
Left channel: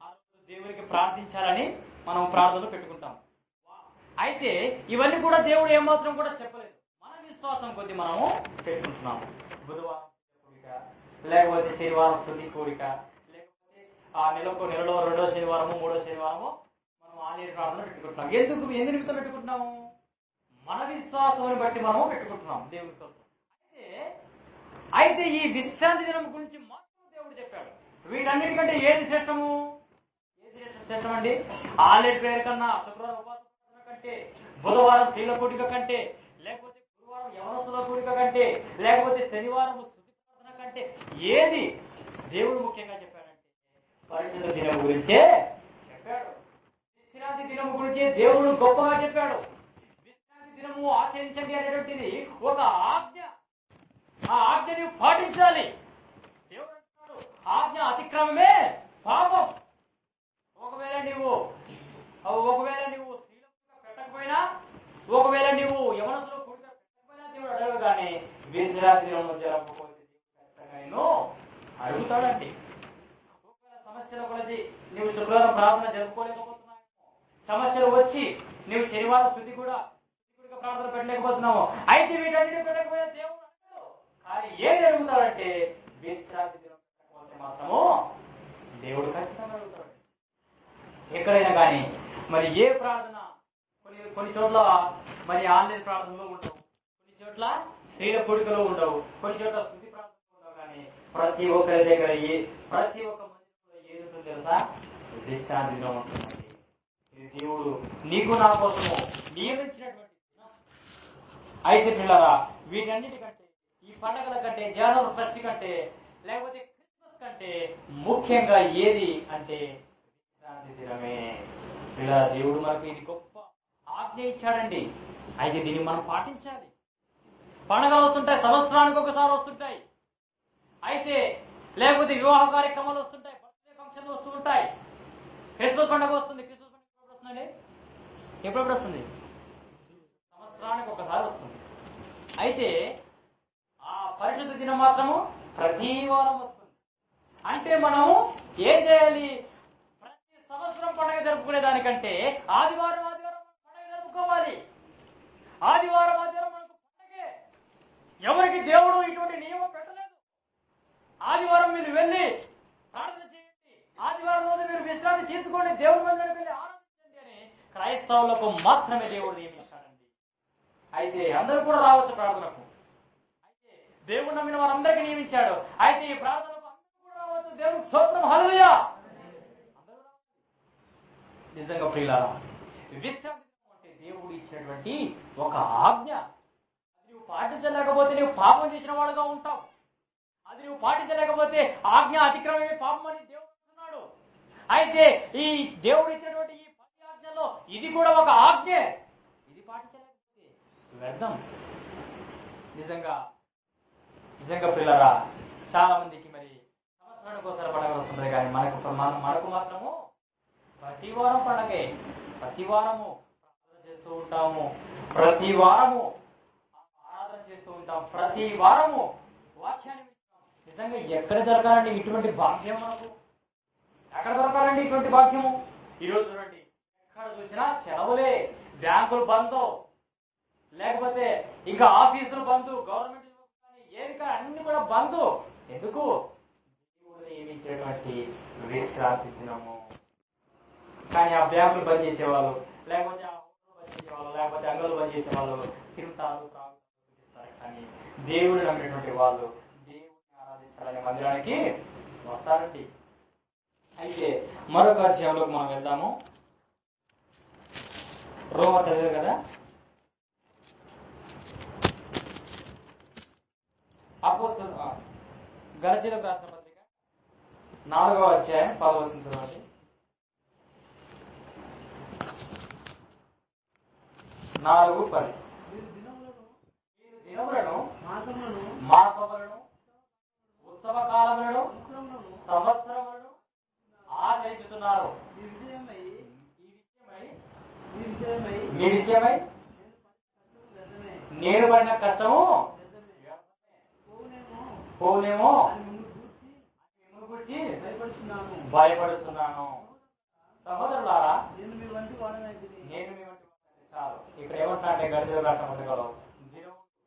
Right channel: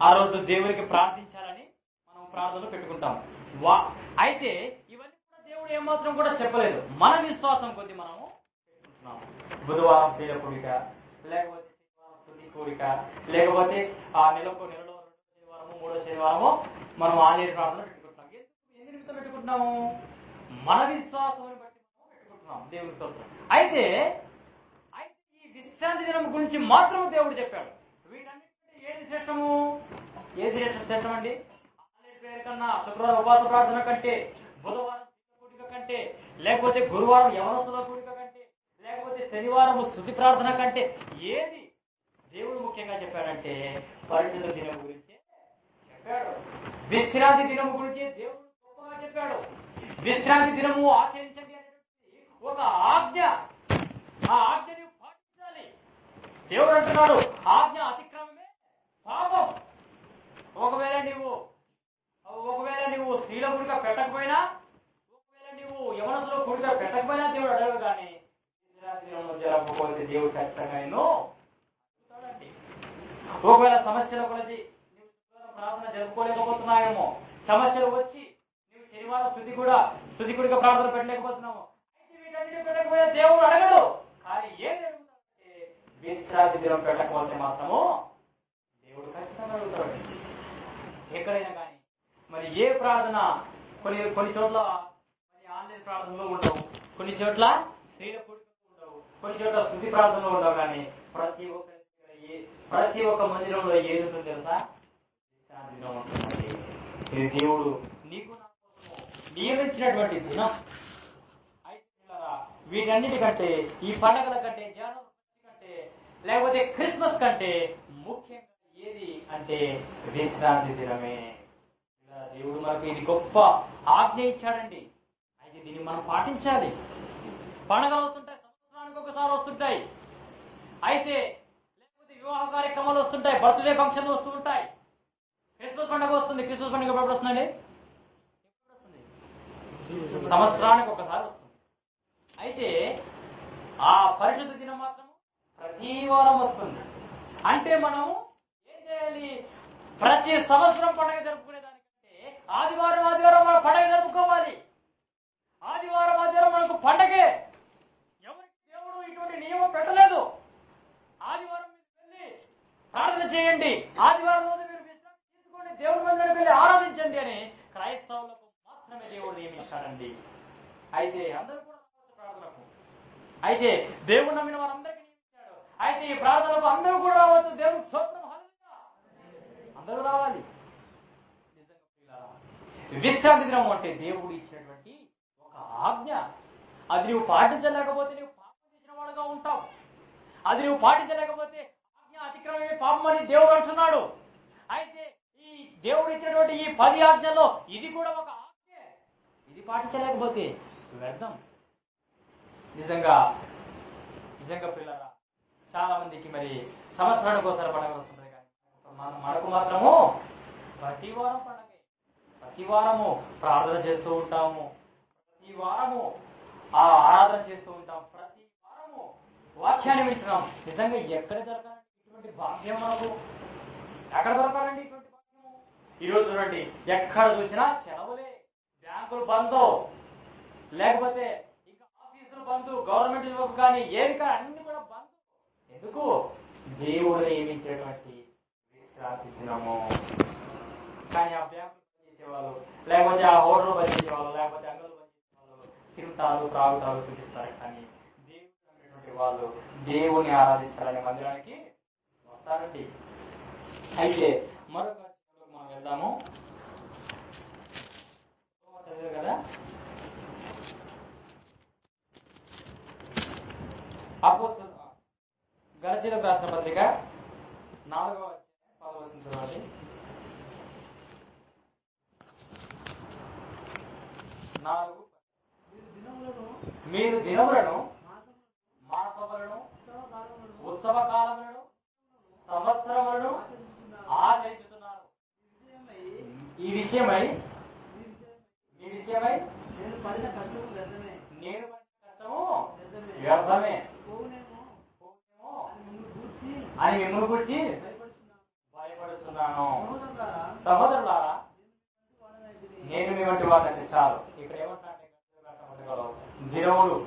ఆ రోజు దేవునికి ప్రార్థించాలని మనం ప్రార్థనలు పెట్టుకుంటాం. అయితే ఇవన్నీ కూడా దేవుడు ఏమాత్రం కూడా చెప్పలేదు. మన విశ్వాసం కొద్ది మనము పెట్టుకుంటున్నాము. బుధవారం స్త్రీల కూడిక, లేకపోతే శనివారం స్తుతి కూడిక, లేకపోతే ఆ నెలలో 2వ శనివారము 3వ శనివారము మనం ఆన్లైన్ ప్రార్థన పెట్టుకుంటున్నాం. ఎందు నిమిత్తం పెట్టుకుంటున్నాము? మన విశ్వాసాన్ని బట్టి మనము పెట్టుకుంటున్నాం దేవుని స్తోత్రం. అయితే ఈ విశ్రాంతి దినం గురించి మాత్రం దేవుడు చెప్పాడు. వీటన్నిటికంటే ఏది శ్రేష్టము? ఏది శ్రేష్టం అండి? ఆన్లైన్ ప్రేయర్ కన్నా, శుక్రవారం ఉపవాస ప్రార్థన కంటే, బుధవారం స్త్రీల కూడిక కంటే, లేకపోతే గురువారం యవనస్తుల కూడిక కంటే, లేకపోతే శనివారం స్తుతి ప్రార్థన కంటే ఏది దేవుడు ముఖ్యంగా చెప్పాడంటే పరిశుద్ధ దినం గురించే చెప్పాడు. విశ్రాంతి దినం గురించి దేవుడు గొప్పగా చెప్పాడు. విశ్రాంతి దినము ఆచరించండి అనేటువంటిది ఒక ఆజ్ఞ. ఆ ఆజ్ఞని పాటించాలి. దేవుడు అంటున్నాడు, ఆజ్ఞ అతిక్రమమే పాపం. ఒకవేళ నీవు స్త్రీల కూడిక పెట్టకపోయినా, ఒకవేళ నీవు యవనస్తుల కూడిక పెట్టకపోయినా దేవుడు అడగదు. కానీ విశ్రాంతి దినం జరగకపోతే దేవుడు ఖచ్చితంగా నేను అడుగుతాడండి. ఒకవేళ సమస్యల కొలది నీవు శుక్రవారం ప్రార్థన జరుపుకోలేకపోతున్నావేమో, సమస్యలు వచ్చి నీవు శనివారం స్తుతి కూడా స్తుతికుడిగా ప్రార్థన పెట్టలేకపోతున్నాము. అయితే వీటన్నిటి పెట్టకపోతే దేవుడు అడగడు. కానీ ఏం జరుగుతాడంటే విశ్రాంతి దినం పెట్టకపోతే మాత్రము దేవుడు ఖచ్చితంగా అడుగుతాడు. ఎక్కడైనా కానీ మరి ఏ ప్రార్థన కొన్ని చోట్ల మరి ఆన్లైన్ ప్రార్థనలో ఉండవు, కొన్ని చోట్ల స్త్రీల కూడికలో ఉండవు, కొన్ని చోట్ల స్తుతి ప్రార్థనలో ఉండవు. కానీ ప్రతి ఒక్కరి దగ్గర ప్రతి ఒక్క మందిరంలో ఏది ఉంటుంది తెలుసా? విశ్రాంతి దినం ఉంటుందండి. ఇది దేవుడు నీకు నా కోసము నియమించినటువంటి దినం. అయితే పిల్లరా, వీటన్నిటికంటే ఈ పండగల కంటే, జనవరి 1 కంటే, లేకపోతే క్రిస్మస్ కంటే ముఖ్యంగా ఏది అంటే విశ్రాంతి దినమే. ఇలా దేవుడు మనకు ఇది గొప్ప ఆజ్ఞ ఇచ్చాడండి. అయితే దీన్ని మనం పాటించాలి. పండగలు వస్తుంటాయి, సంవత్సరానికి ఒకసారి వస్తుంటాయి. అయితే లేకపోతే వివాహ కార్యక్రమాలు వస్తుంటాయి, బర్త్డే ఫంక్షన్లు వస్తూ ఉంటాయి. క్రిస్మస్ పండుగ వస్తుంది. క్రిస్మస్ పండుగ ఎప్పుడు వస్తుందండి? ఎప్పుడెప్పుడు వస్తుంది? సంవత్సరానికి ఒకసారి వస్తుంది. అయితే ఆ పరిశుద్ధ దినం మాత్రము ప్రతి వారం వస్తుంది. అంటే మనం ఏం చేయాలి? ప్రతి సంవత్సరం పండుగ జరుపుకునే దానికంటే ఆదివారం మన పండుగ జరుపుకోవాలి. ఆదివారం మనకు పండగే. ఎవరికి దేవుడు ఇటువంటి నియమం పెట్టలేదు. ఆదివారం మీరు వెళ్ళి ప్రార్థన చేయండి, ఆదివారం రోజు మీరు విశ్రాంతి తీసుకోండి, దేవుడి మందిరానికి వెళ్ళి ఆరాధించండి అని క్రైస్తవులకు మాత్రమే దేవుడు నియమించాడండి. అయితే అందరూ కూడా రావచ్చు ప్రార్థనకు. అయితే దేవుడు నమ్మిన వారందరికీ నియమించాడు. అయితే ఈ ప్రార్థనకు అందరూ కూడా రావచ్చు. దేవుడికి స్తోత్రం, హల్లెలూయా. అందరూ రావాలి. నిజంగా ప్రియులారా, విశ్రాంతి దినం అంటే దేవుడు ఇచ్చినటువంటి ఒక ఆజ్ఞ. అది నువ్వు పాటించలేకపోతే నువ్వు పాపం చేసిన వాడుగా ఉంటావు. అది నువ్వు పాటించలేకపోతే ఆజ్ఞ అతిక్రమమే పాపం అని దేవుడు అంటున్నాడు. అయితే ఈ దేవుడు ఇచ్చినటువంటి ఈ 10 ఆజ్ఞల్లో ఇది కూడా ఒక ఆజ్ఞే. ఇది పాటించలేకపోతే వ్యర్థం. నిజంగా పిల్లరా, చాలా మందికి మరి సంవత్సరానికి ఒకసారి పండుగ వస్తుంది. కానీ మనకు మాత్రము ప్రతి వారం పండగే. ప్రతి వారము ప్రార్థన చేస్తూ ఉంటాము, ప్రతి వారము ఆరాధన చేస్తూ ఉంటాం, ప్రతి వారము వాక్యాన్ని వింటున్నాం. నిజంగా ఎక్కడ దొరకాలండి ఇటువంటి భాగ్యం? మనకు ఎక్కడ దొరకాలండి ఇటువంటి భాగ్యము? ఈరోజు చూడండి, ఎక్కడ చూసినా సెలవులే, బ్యాంకులు బంద్, లేకపోతే ఇంకా ఆఫీసులు బంద్, గవర్నమెంట్ జాబ్ కానీ ఏది కానీ అన్ని కూడా బంద్. ఎందుకు? దేవుడు నియమించేటువంటి విశ్రాంతి దినము. కానీ ఆ బ్యాంకులు బంద్ చేసేవాళ్ళు, లేకపోతే ఆ హోటల్ బంద్ చేసేవాళ్ళు, లేకపోతే అంగళ్ళు బంద్ చేసేవాళ్ళు తిరుగుతారు, త్రాగుతారు, చూపిస్తారు. కానీ దేవుడు నమ్మినటువంటి వాళ్ళు దేవుని ఆరాధించాలనే మందిరానికి వస్తారండి. అయితే మరొక విషయంలోకి మనం వెళ్దాము. రోమర్ చదివారు కదా, గలతీయులకు రాసిన పత్రిక 4వ అధ్యాయం 10వ వచనం చదవండి. 4:10 మీరు దినములను, మాసములను, ఉత్సవ కాలములను, సంవత్సరములను ఆచరిస్తున్నారు. ఈ విషయమై నేను పడిన కష్టము వ్యర్థమే, పోనేమో అని మిమ్మల్ని గురించి భయపడుతున్నాను. సహోదరులారా, నేను మీ వంటి వాడిని. చాలు. ఇక్కడ ఏమంటున్నారంటే గడిచిన రాష్ట్ర పత్రికలో దినములు,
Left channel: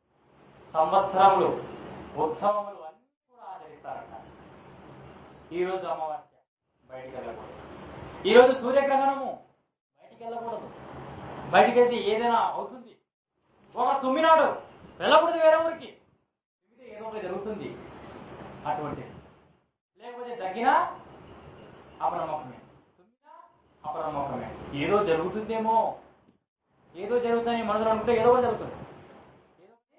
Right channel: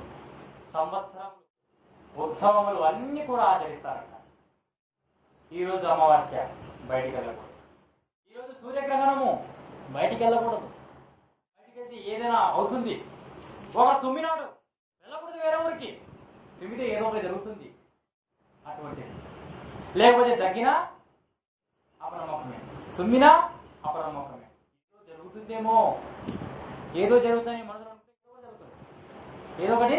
సంవత్సరములు, ఉత్సవములు అన్ని కూడా ఆచరిస్తారంట. ఈరోజు అమావాస్య, బయటికి వెళ్ళకూడదు. ఈరోజు సూర్యగ్రహణము, బయటికి వెళ్ళకూడదు. బయటికి వెళ్తే ఏదైనా అవుతుంది. ఒక తుమ్మినాడు, వెళ్ళకూడదు వేరే ఊరికి. తుమ్మితే ఏదో ఒకటి జరుగుతుంది అటువంటిది. లేకపోతే దగ్గినా అపనమ్మకమే, తుమ్మినా అపనమ్మకమే. ఏదో జరుగుతుందేమో, ఏదో జరుగుతుందని మనసులో అనుకుంటే ఏదో ఒకటి జరుగుతుంది, ఏదో ఒకటి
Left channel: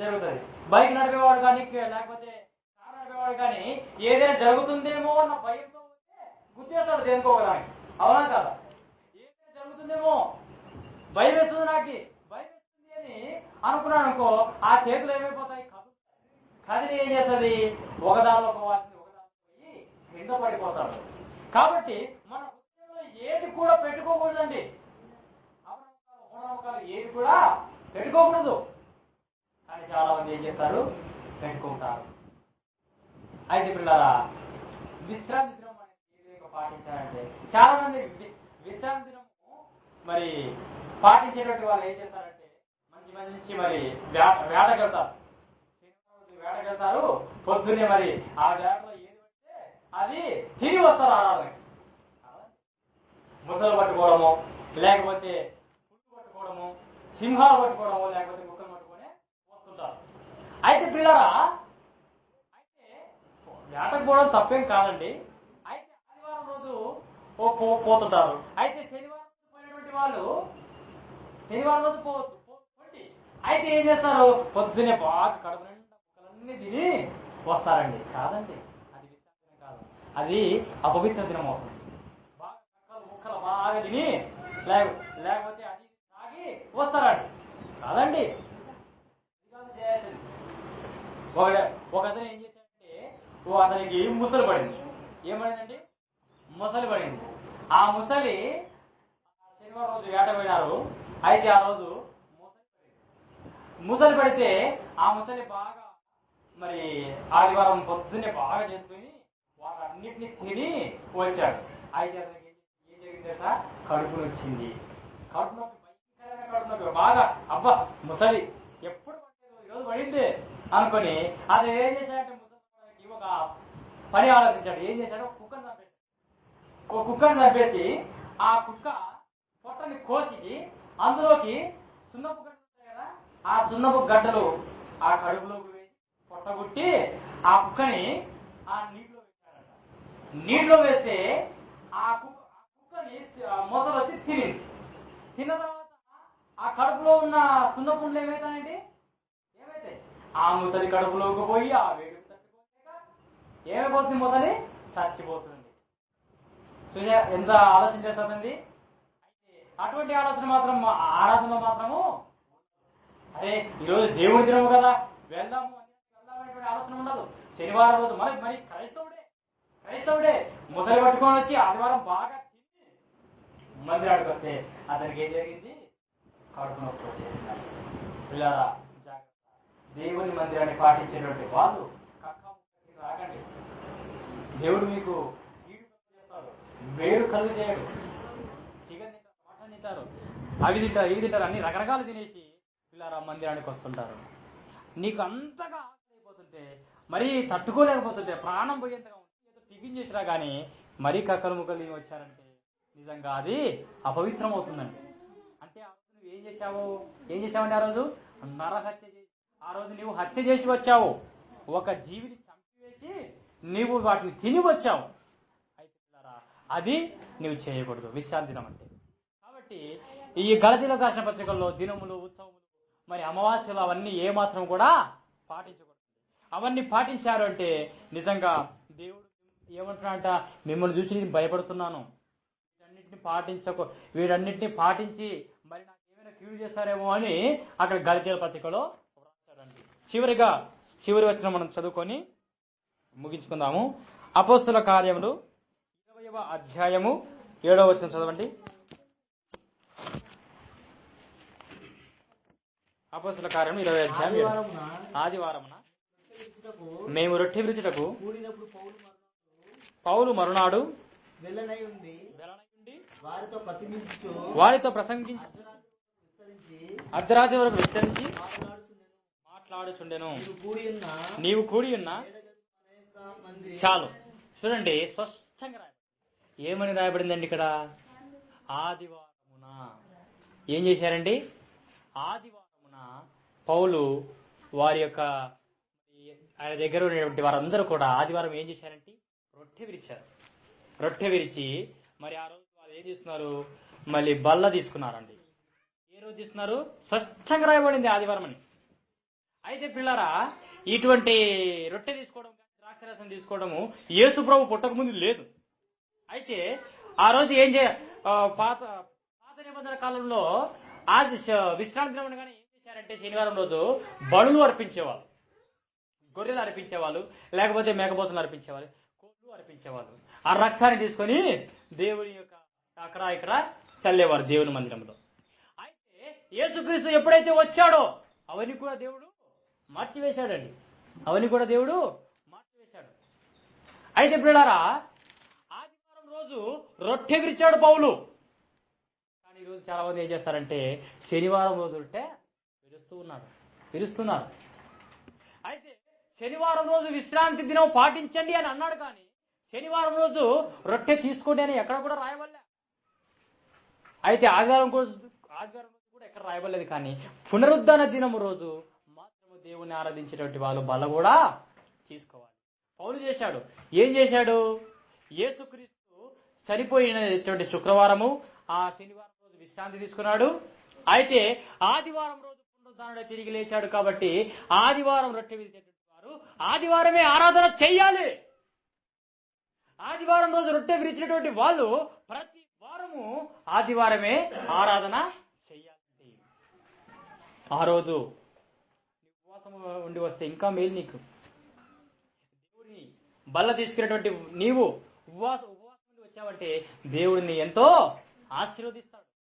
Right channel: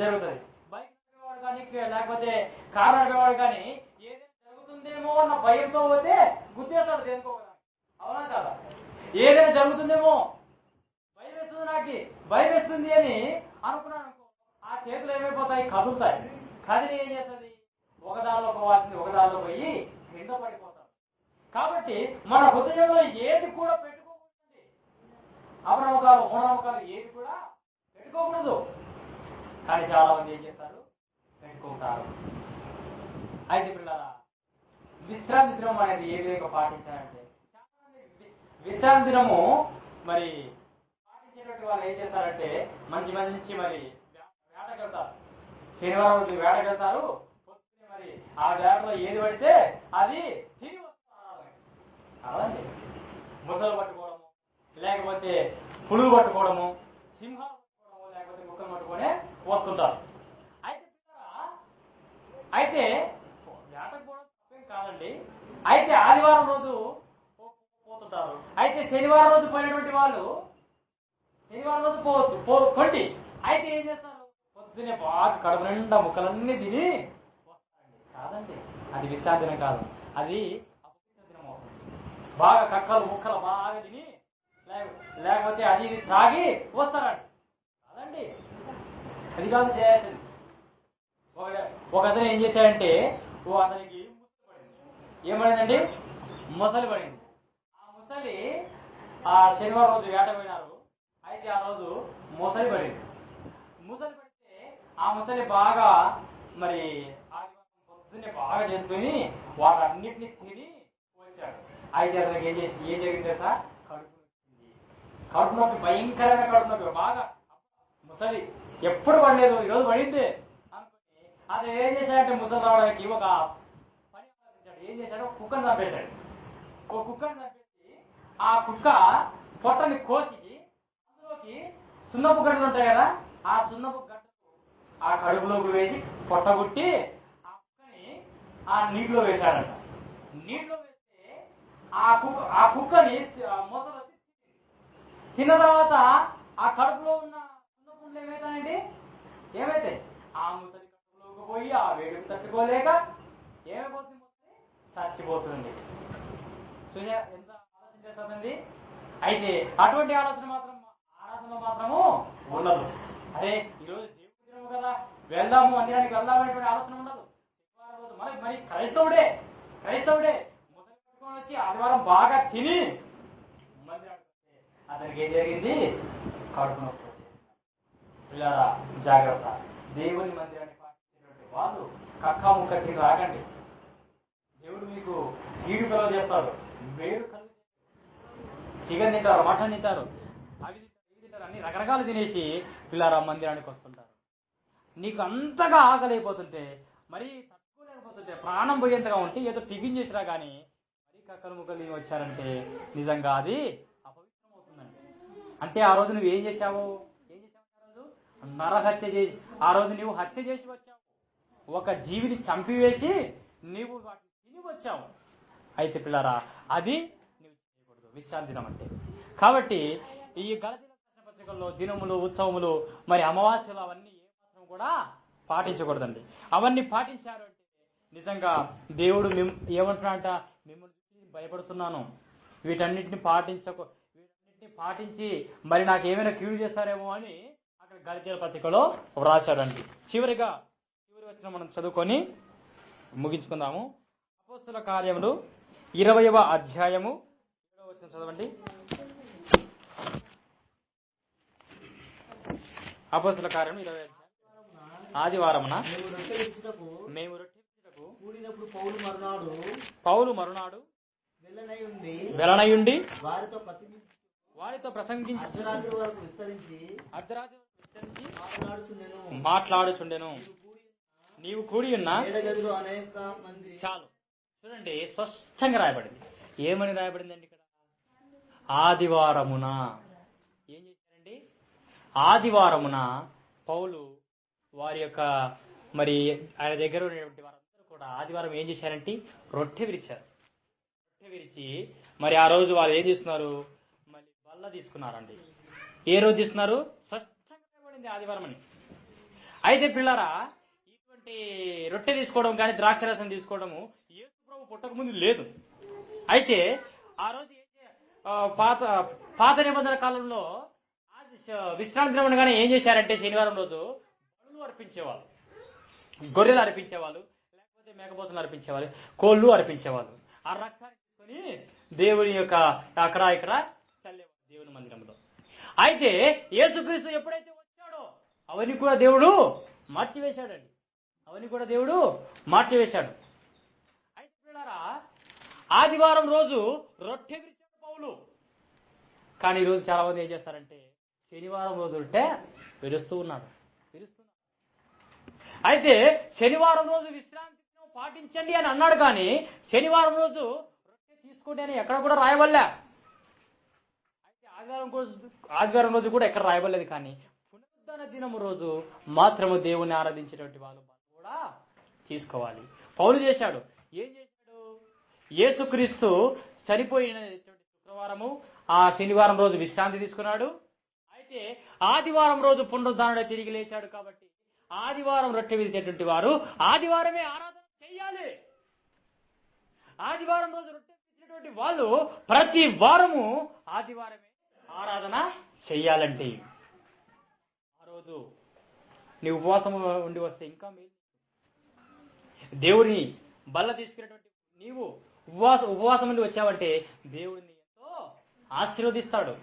జరుగుతుంది. బైక్ నడిపేవాడు కానీ, లేకపోతే కారు నడిపేవాడు కానీ ఏదైనా జరుగుతుందేమో అన్న భయంతో పోతే గుర్తేస్తాడు దేనికోవడానికి. అవునా కదా? ఏదైనా జరుగుతుందేమో, భయం వేస్తుంది, నాకు భయం వేస్తుంది అని అనుకున్నాను అనుకో, ఆ చేతులు ఏమైపోతాయి? కదులుతాయి. కదిలి ఏం చేస్తుంది? ఒకదానిలో పోవాల్సింది ఒకదానిలో పోయి కింద పడిపోతాడు. కాబట్టి మన హృదయంలో ఏది కూడా పెట్టుకోకూడదండి. అపనమ్మకాలు, మూఢనమ్మకాలు ఏది కూడా పెట్టుకోకూడదు. కానీ చాలా మంది ఏం చేస్తారు? పెట్టుకుంటారు. అయితే పిల్లరా, విశ్రాంతి దినం అనేది ఏ విధంగా పాటించాలంటే, చాలా మంది విశ్రాంతి దినము మరి పాటించేటువంటి వాళ్ళు ఏం చేస్తారంటే మంచి మంచి మరి వేటకెళ్తారు. శనివారం రోజు వేటకెళ్తారు. పొద్దున్నే మరి ఆ వేటలో ఏది పడితే అది తిరిగి వస్తారు ఆరాధనకి. కాదండి, ముసలు పట్టుకోవడము, లేకపోతే పులుగు పట్టుకోవడము, సింహాలు పట్టుకోవడము, లేకపోతే కుక్కలు పట్టుకొని వస్తుంటారు. అయితే పిల్లరా, అయితే వేటకు పోవడం తప్పేం కాదండి. అయితే ఆదివారం రోజు పోతుంటారు. అయితే శనివారం రోజు పోయినటువంటి వాళ్ళు శనివారం రోజు పోవచ్చు కొండి. అయితే ఏం చేస్తారు, పొద్దునే బాగా కడుపు నిండా ముక్కలన్నీ తిని వస్తారండి. కాదండి, అది విశ్రాంతి దినం కాదు, అది అపవిత్ర దినం అవుతుంది. బాగా కక్కలు ముక్కలు బాగా తిని లేకపోతే అది ఇది తాగి వస్తారండి. కాదండి, అది కాదు చేయాల్సింది. ఒక అతను ఏం చేశాడంటే అతనికి ముసలి పడింది. ఏమైందండి, ముసలి పడింది. ఆ ముసలి శనివారం రోజు వేట పోయినారు. అయితే ఆ రోజు ముసలి పడింది. ముసలి పడితే ఆ ముసలి బాగా మరి ఆదివారం పొద్దున్నే బాగా చేసుకుని వాటన్నిటిని తిని వచ్చాడు. అయితే అతనికి ఏం జరిగింది తెలుసా, కడుపు వచ్చింది. కడుపు నొప్పి, భయంకరమైన కడుపు నొప్పి. బాగా అబ్బా ముసలి ఎప్పుడు పడలేదు, ఈరోజు పడింది అనుకుని అతను ఏం చేశాడంటే ముసలి రావడానికి ఒక పని ఆలోచించాడు. ఏం చేశాడు, కుక్కను చంపేశాడు. ఒక కుక్కను చంపేసి ఆ కుక్క పొట్టని కోసి అందులోకి సున్నపు గడ్డలు ఉంటాయి కదా, ఆ సున్నపు గడ్డలు ఆ కడుపులోకి వేసి పొట్టగుట్టి ఆ కుక్కని ఆ నీటిలో వేశాడంట. నీటిలో వేస్తే ఆ కుక్కని మొసలు వచ్చి తినింది. తిన్న తర్వాత ఆ కడుపులో ఉన్న సున్నపుండ్లు ఏమైతాయండి, ఏమైతే ఆ ముసలి కడుపులోకి పోయి ఆ వేడికి తట్టుకోలేక ఏమైపోతుంది, ముసలి చచ్చిపోతుంది. చూసా ఎంత ఆలోచన చేస్తుంది. అయితే అటువంటి ఆరాధనలో మాత్రము ఉండదు. అరే ఈరోజు దేవుని దినము కదా, వెళ్దాము మందిరానికి వెళ్దామనేటువంటి ఆలోచన ఉండదు. శనివారం రోజు మరి క్రైస్తవుడే ముసలి పట్టుకొని వచ్చి ఆదివారం బాగా తిని మందిరానికి వస్తే అతనికి ఏం జరిగింది, కడుపు నొప్పి వచ్చేసింది. పిల్లరా జాగ్రత్త, దేవుని మందిరాన్ని పాటించేటువంటి వాళ్ళు కక్కా ముక్క తిని రాకండి. దేవుడు మీకు కీడు కలుగు చేస్తాడు, మేలు కలుగు చేయడు. చికెన్ తింటారు, మటన్ తింటారు, అవి తింటారు, ఇవి తింటారు, అన్ని రకరకాలు తినేసి పిల్లరా మందిరానికి వస్తుంటారు. నీకు అంతగా ఆకలిపోతుంటే, మరీ తట్టుకోలేకపోతుంటే, ప్రాణం పోయేంతగా ఉంటే ఏదో టిఫిన్ చేసినా కానీ మరీ కక్కలు ముక్కలు తిని వచ్చారంటే నిజంగా అది అపవిత్రం అవుతుందండి. అంటే ఆ రోజు నువ్వు ఏం చేశావంటే ఆ రోజు నరహత్య చేసి, ఆ రోజు నువ్వు హత్య చేసి వచ్చావు. ఒక జీవిని చంపివేసి నీవు వాటిని తిని వచ్చావు. అయితే పిల్లరా, అది నువ్వు చేయకూడదు విశ్రాంతి దినం అంటే. కాబట్టి ఈ గలతీయులకు రాసిన పత్రికల్లో దినములు, ఉత్సవములు, మరి అమావాస్యలు అవన్నీ ఏమాత్రం కూడా పాటించకూడదండి. అవన్నీ పాటించారు అంటే నిజంగా దేవుడు ఏమంటున్నాడంట, మిమ్మల్ని చూసి నేను భయపడుతున్నాను, వీటన్నిటిని పాటించి మరి నాకు ఏమైనా కీడు చేస్తారేమో అని అక్కడ గలతీయుల పత్రికలో వ్రాశాడండి. చివరి వచనం మనం చదువుకొని ముగించుకుందాము. అపోస్తుల కార్యములు 20వ అధ్యాయము 7వ వచనం చదవండి. అపోస్తుల కార్యం 20వ అధ్యాయం. ఆదివారమున మేము రొట్టె విరుచుటకు పౌలు మరునాడు వెలనయుండి వారితో ప్రసంగించి అర్ధరాత్రి వరకు విస్తరించి మాట్లాడుచుండెను. నీవు కూడి ఉన్న చాలు. చూడండి, స్పష్టంగా రాయబడింది. ఏమని రాయబడిందండి ఇక్కడ? ఆదివారమున ఏం చేశారండి? ఆదివారమున పౌలు వారి యొక్క మరి ఆయన దగ్గర ఉన్నటువంటి వారందరూ కూడా ఆదివారం ఏం చేశారంటే రొట్టె విరిచారు. రొట్టె విరిచి మరి ఆ రోజు వాళ్ళు ఏం చేస్తున్నారు, మళ్ళీ బల్ల తీసుకున్నారండి. ఏ రోజు తీసుకున్నారు? స్పష్టంగా రాయబడింది ఆదివారం అని. అయితే పిల్లరా, ఇటువంటి రొట్టె తీసుకోవడం కానీ ద్రాక్షరసం తీసుకోవడము యేసు ప్రభు పుట్టక ముందు లేదు. అయితే ఆ రోజు పాత నిబంధన కాలంలో విశ్రాంతి దినం అనగానే ఏం చేశారంటే శనివారం రోజు బలులు అర్పించేవాళ్ళు, గొర్రెలు అర్పించేవాళ్ళు, లేకపోతే మేకపోతులు అర్పించేవాళ్ళు, కోళ్లు అర్పించేవాళ్ళు. ఆ రక్తాన్ని తీసుకొని దేవుని యొక్క అక్కడ ఇక్కడ చల్లేవారు దేవుని మందిరంలో. అయితే యేసుక్రీస్తు ఎప్పుడైతే వచ్చాడో అవన్నీ కూడా దేవుడు మార్చివేశాడండి. అయితే పిల్లలారా, ఆదివారం రోజు రొట్టె విరిచాడు పౌలు. కానీ ఈరోజు చాలా మంది ఏం చేస్తారంటే శనివారం రోజు ఉంటే విరుస్తున్నారు. అయితే శనివారం రోజు విశ్రాంతి దినం పాటించండి అని అన్నాడు, కానీ శనివారం రోజు రొట్టె తీసుకోండి అని ఎక్కడ కూడా రాయవల్లే. అయితే ఆదివారం రోజు కూడా ఎక్కడ రాయబడలేదు, కానీ పునరుద్ధాన దినము రోజు మాత్రము దేవుని ఆరాధించేటువంటి వాళ్ళు బల్ల కూడా తీసుకోవాలి. పౌలు చేశాడు. ఏం చేశాడు? యేసుక్రీస్తు చనిపోయినటువంటి శుక్రవారము ఆ శనివారం రోజు విశ్రాంతి తీసుకున్నాడు. అయితే ఆదివారం రోజు పునరుద్ధానుడే తిరిగి లేచాడు. కాబట్టి ఆదివారం రొట్టె విరిచేటువంటి వారు ఆదివారమే ఆరాధన చెయ్యాలి. ఆదివారం రోజు రొట్టె విరిచినటువంటి వాళ్ళు ప్రతి వారము ఆదివారమే ఆరాధన చెయ్యాలండి. ఆ రోజు నీ ఉపవాసం ఉండి వస్తే ఇంకా మేలు నీకు. దేవుడిని బల్ల తీసుకునేటువంటి నీవు ఉపవాసం నుండి వచ్చావంటే దేవుడిని ఎంతో ఆశీర్వదిస్తాడు.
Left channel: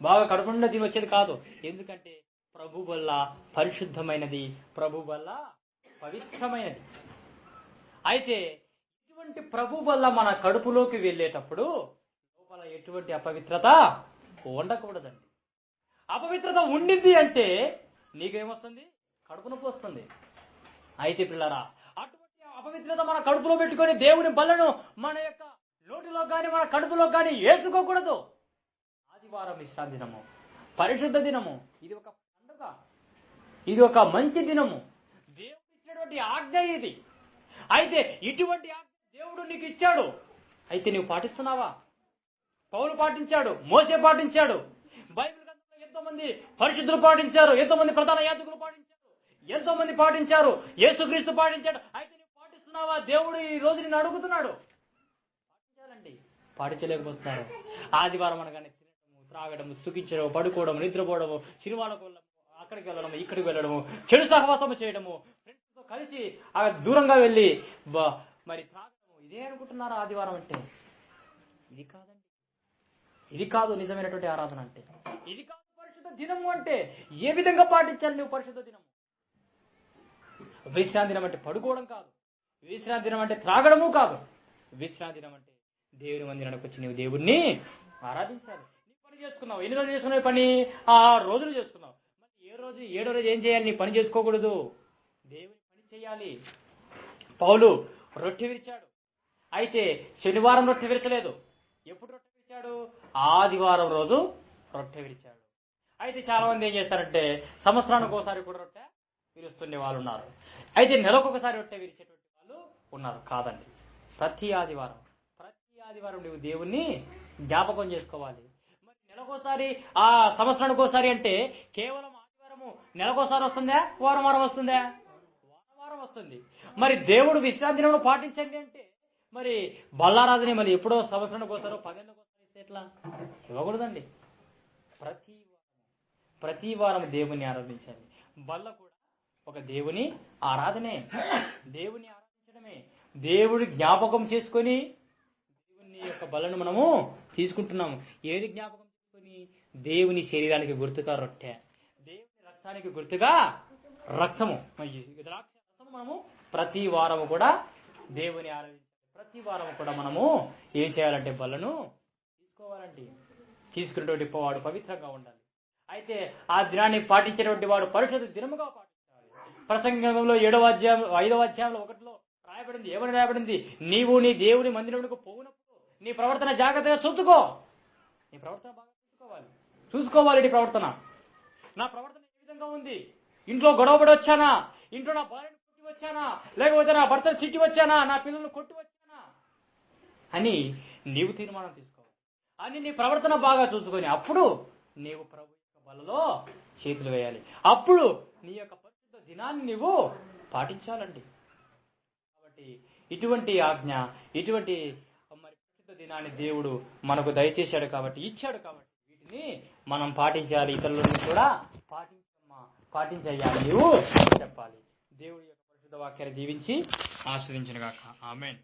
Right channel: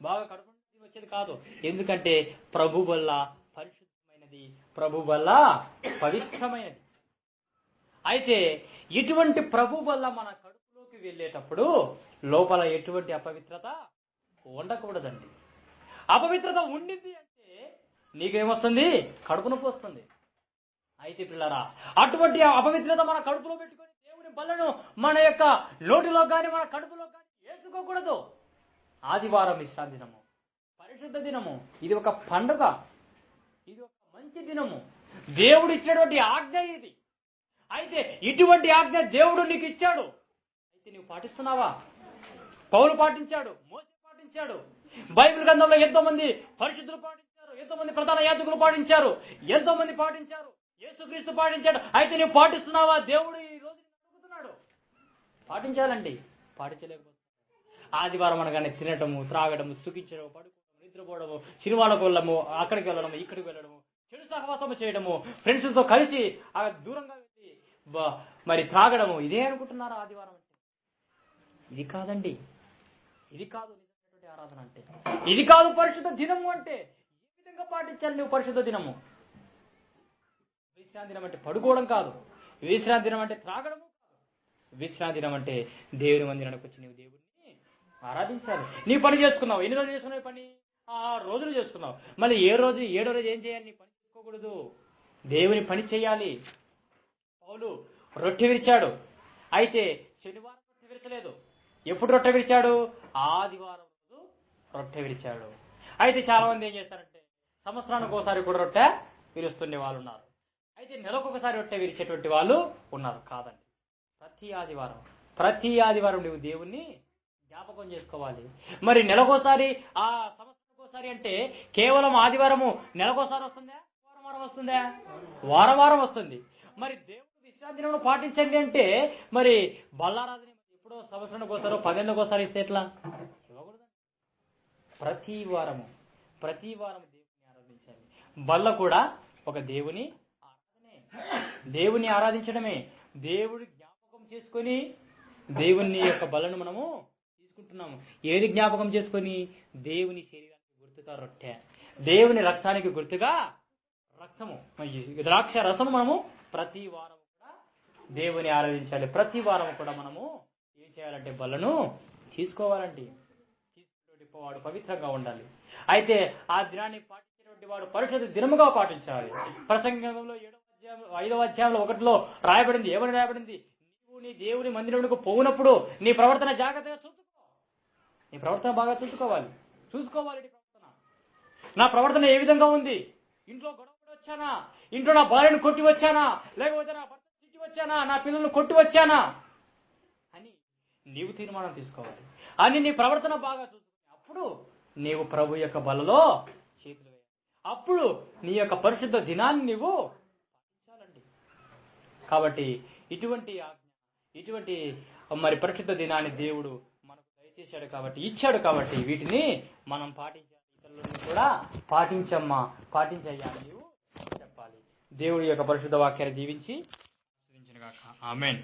బాగా కడుపుండా తిని వచ్చేది కాదు. ఎందుకంటే ప్రభు వల్ల పరిశుద్ధమైనది, ప్రభు వల్ల పవిత్రమైనది. అయితే ఇటువంటి ప్రభు వల్ల మన కడుపులోకి వెళ్ళేటప్పుడు లోపల ఎటువంటి అపవిత్రత ఉండకూడదండి. అపవిత్రత ఉండింది అంటే నీకేమొస్తుంది? కడుపు నొప్పి వస్తుంది. అయితే పిల్లరా, అటువంటి అపవిత్రత మన కడుపులో పెట్టుకొని దేవుని బల్లను మన యొక్క నోటిలో కానీ మన కడుపులో కానీ వేసుకోకూడదు. ఆదివారం విశ్రాంతి దినము, పరిశుద్ధ దినము, ఇది ఒక పండుగ, ఇది ఒక మంచి దినము, దేవుడు ఇచ్చినటువంటి ఆజ్ఞ ఇది. అయితే ఇటువంటి ఆజ్ఞ దేవుడు నీకు ఇచ్చాడు. అయితే నువ్వు పాటిస్తున్నావా? పౌలు పాటించాడు, మోసే పాటించాడు, బైబిల్ గ్రంథంలో ఎంతో మంది పరిశుద్ధులు పాటించారు, ఎంతో మంది ప్రధాన యాజకులు పాటించారు, ఎంతో మంది పాటించారు, యేసుక్రీస్తు పాటించాడు. అయితే నువ్వు పాటిస్తున్నావా? దేవుడు ఈ రోజు నిన్ను అడుగుతున్నాడు. పాటించాలండి. పాటించలేకపోతున్నారు. ఆదివారం అనగానే తినటము, త్రాగడము, సుఖించడము, పడుకోవడము, నిద్రపోవడము, సినిమాలకు వెళ్ళడము, అక్కడికి వెళ్ళడము, ఇక్కడికి వెళ్ళడము, చెడు సహవాసము చేయడము, ఫ్రెండ్స్తో కలిసి దూరంగా వెళ్ళి మరి త్రాగడము, ఇదే అనుకుంటున్నారు ఆదివారం అంటే. ఇది కాదండి. ఇది కాదు నిజమైనటువంటి ఆరాధన అంటే. ఇది కాదు పరిశుద్ధ దినము అంటే. ఏ విధంగా పాటించాలి నువ్వు పరిశుద్ధ దినము? విశ్రాంతి దినం అంటే పడుకోవడం కాదు. విశ్రాంతి దినం అంటే త్రాగడము కాదు. విశ్రాంతి దినం అంటే దేవుని మందిరానికి వచ్చి నీవు దేవుడిని ఆరాధించాలి. నీ పని చేసుకున్నావు. ఎన్ని రోజులు చేసుకున్నావు పని? 6 రోజులు చేసుకున్నావు. మళ్ళీ 7ో రోజు ఏం చేయాలి? నీ పని చేసుకోకూడదు, దేవుని పని చేయాలి. పౌలు రొట్టె విరిచాడు. అయితే శనివారం రొట్టె విరచలేదు. ఎప్పుడు రొట్టె విరిచాడు? ఆదివారం రోజు రొట్టె విరిచాడు. అయితే చాలా మంది ఏం చేస్తారంటే సంవత్సరానికి ఒకసారి కూడా రొట్టె విరుస్తుండే వాళ్ళు ఉన్నారు. అయితే నెలకొకసారి రొట్టె విరిచేటువంటి వాళ్ళు ఉన్నారు. కాదండి, ప్రతి ఆదివారం నువ్వు దేవుణ్ణి జ్ఞాపకం చేసుకోవాలి. మరి నెలకోసారి, ఆ సంవత్సరానికి ఒకసారి అంటే కేవలం ఆదివారము నెలకోసారి వస్తుందా? వారం వస్తుందా? వారం వస్తుంది. మరి దేవుడు విశ్రాంతి దినమును పాటించండి అంటే మరి బల్లారాధని మరి ఎప్పుడో సంవత్సరానికి ఒకసారో 10 ఏళ్ళకి ఒకసారి ఇస్తే ఎట్లా? ఇవ్వకూడదండి. ప్రతి వారం దేవుని ఆరాధించాలి. బల్ల కూడా ఒక దేవుని ఆరాధనే, దేవుని ఆరాధించడమే. దేవుడి జ్ఞాపకం చేసుకొని దేవుని యొక్క బలను మనము తీసుకుంటున్నాము. ఏది జ్ఞాపకం చేసుకొని? దేవుని శరీరానికి గుర్తుగా రొట్టె, దేవుని రక్తానికి గుర్తుగా రక్తము, ద్రాక్ష రసము. మనము ప్రతి వారము కూడా దేవుని ఆరాధించాలి. ప్రతి వారము కూడా మనము ఏం చేయాలంటే బలను తీసుకోవాలండి. తీసుకునేటువంటి వాడు పవిత్రంగా ఉండాలి. అయితే ఆ దినాన్ని పాటించేటువంటి వాడు పరిశుద్ధ దినముగా పాటించాలి. ప్రసంగంలో 5వ అధ్యాయంలో 1లో రాయబడింది. ఏమని రాయబడింది? నీవు నీ దేవుని మందిరమునకు పోవునప్పుడు నీ ప్రవర్తన జాగ్రత్తగా చూసుకో. నీ ప్రవర్తన బాగా చూసుకోవాలి. నీ ప్రవర్తన, నా ప్రవర్తన ఏ విధంగా ఉంది? ఇంట్లో గొడవపడి వచ్చానా? ఇంట్లో నా భార్యను కొట్టి వచ్చానా? లేకపోతే నా భర్తను తిట్టి వచ్చానా? నా పిల్లలను కొట్టి వచ్చానా అని నీవు తీర్మానం తీసుకోవాలి. అని నీ ప్రవర్తన బాగా చూసుకొని అప్పుడు నీవు ప్రభు యొక్క బలలో చేతులు వేయాలి. అప్పుడు నీ యొక్క పరిశుద్ధ దినాన్ని నీవు పాటించాలండి. కాబట్టి ఇటువంటి ఆజ్ఞ, ఇటువంటి మరి పరిశుద్ధ దినాన్ని దేవుడు మనకు దయచేశాడు కాబట్టి, ఇచ్చాడు కాబట్టి వీటిని మనం పాటించాలి. ఇతరులను కూడా పాటించయ్యా నీవు చెప్పాలి. దేవుడి యొక్క పరిశుద్ధ వాక్యాన్ని దీవించి ఆస్వాదించును గాక. ఆమేన్.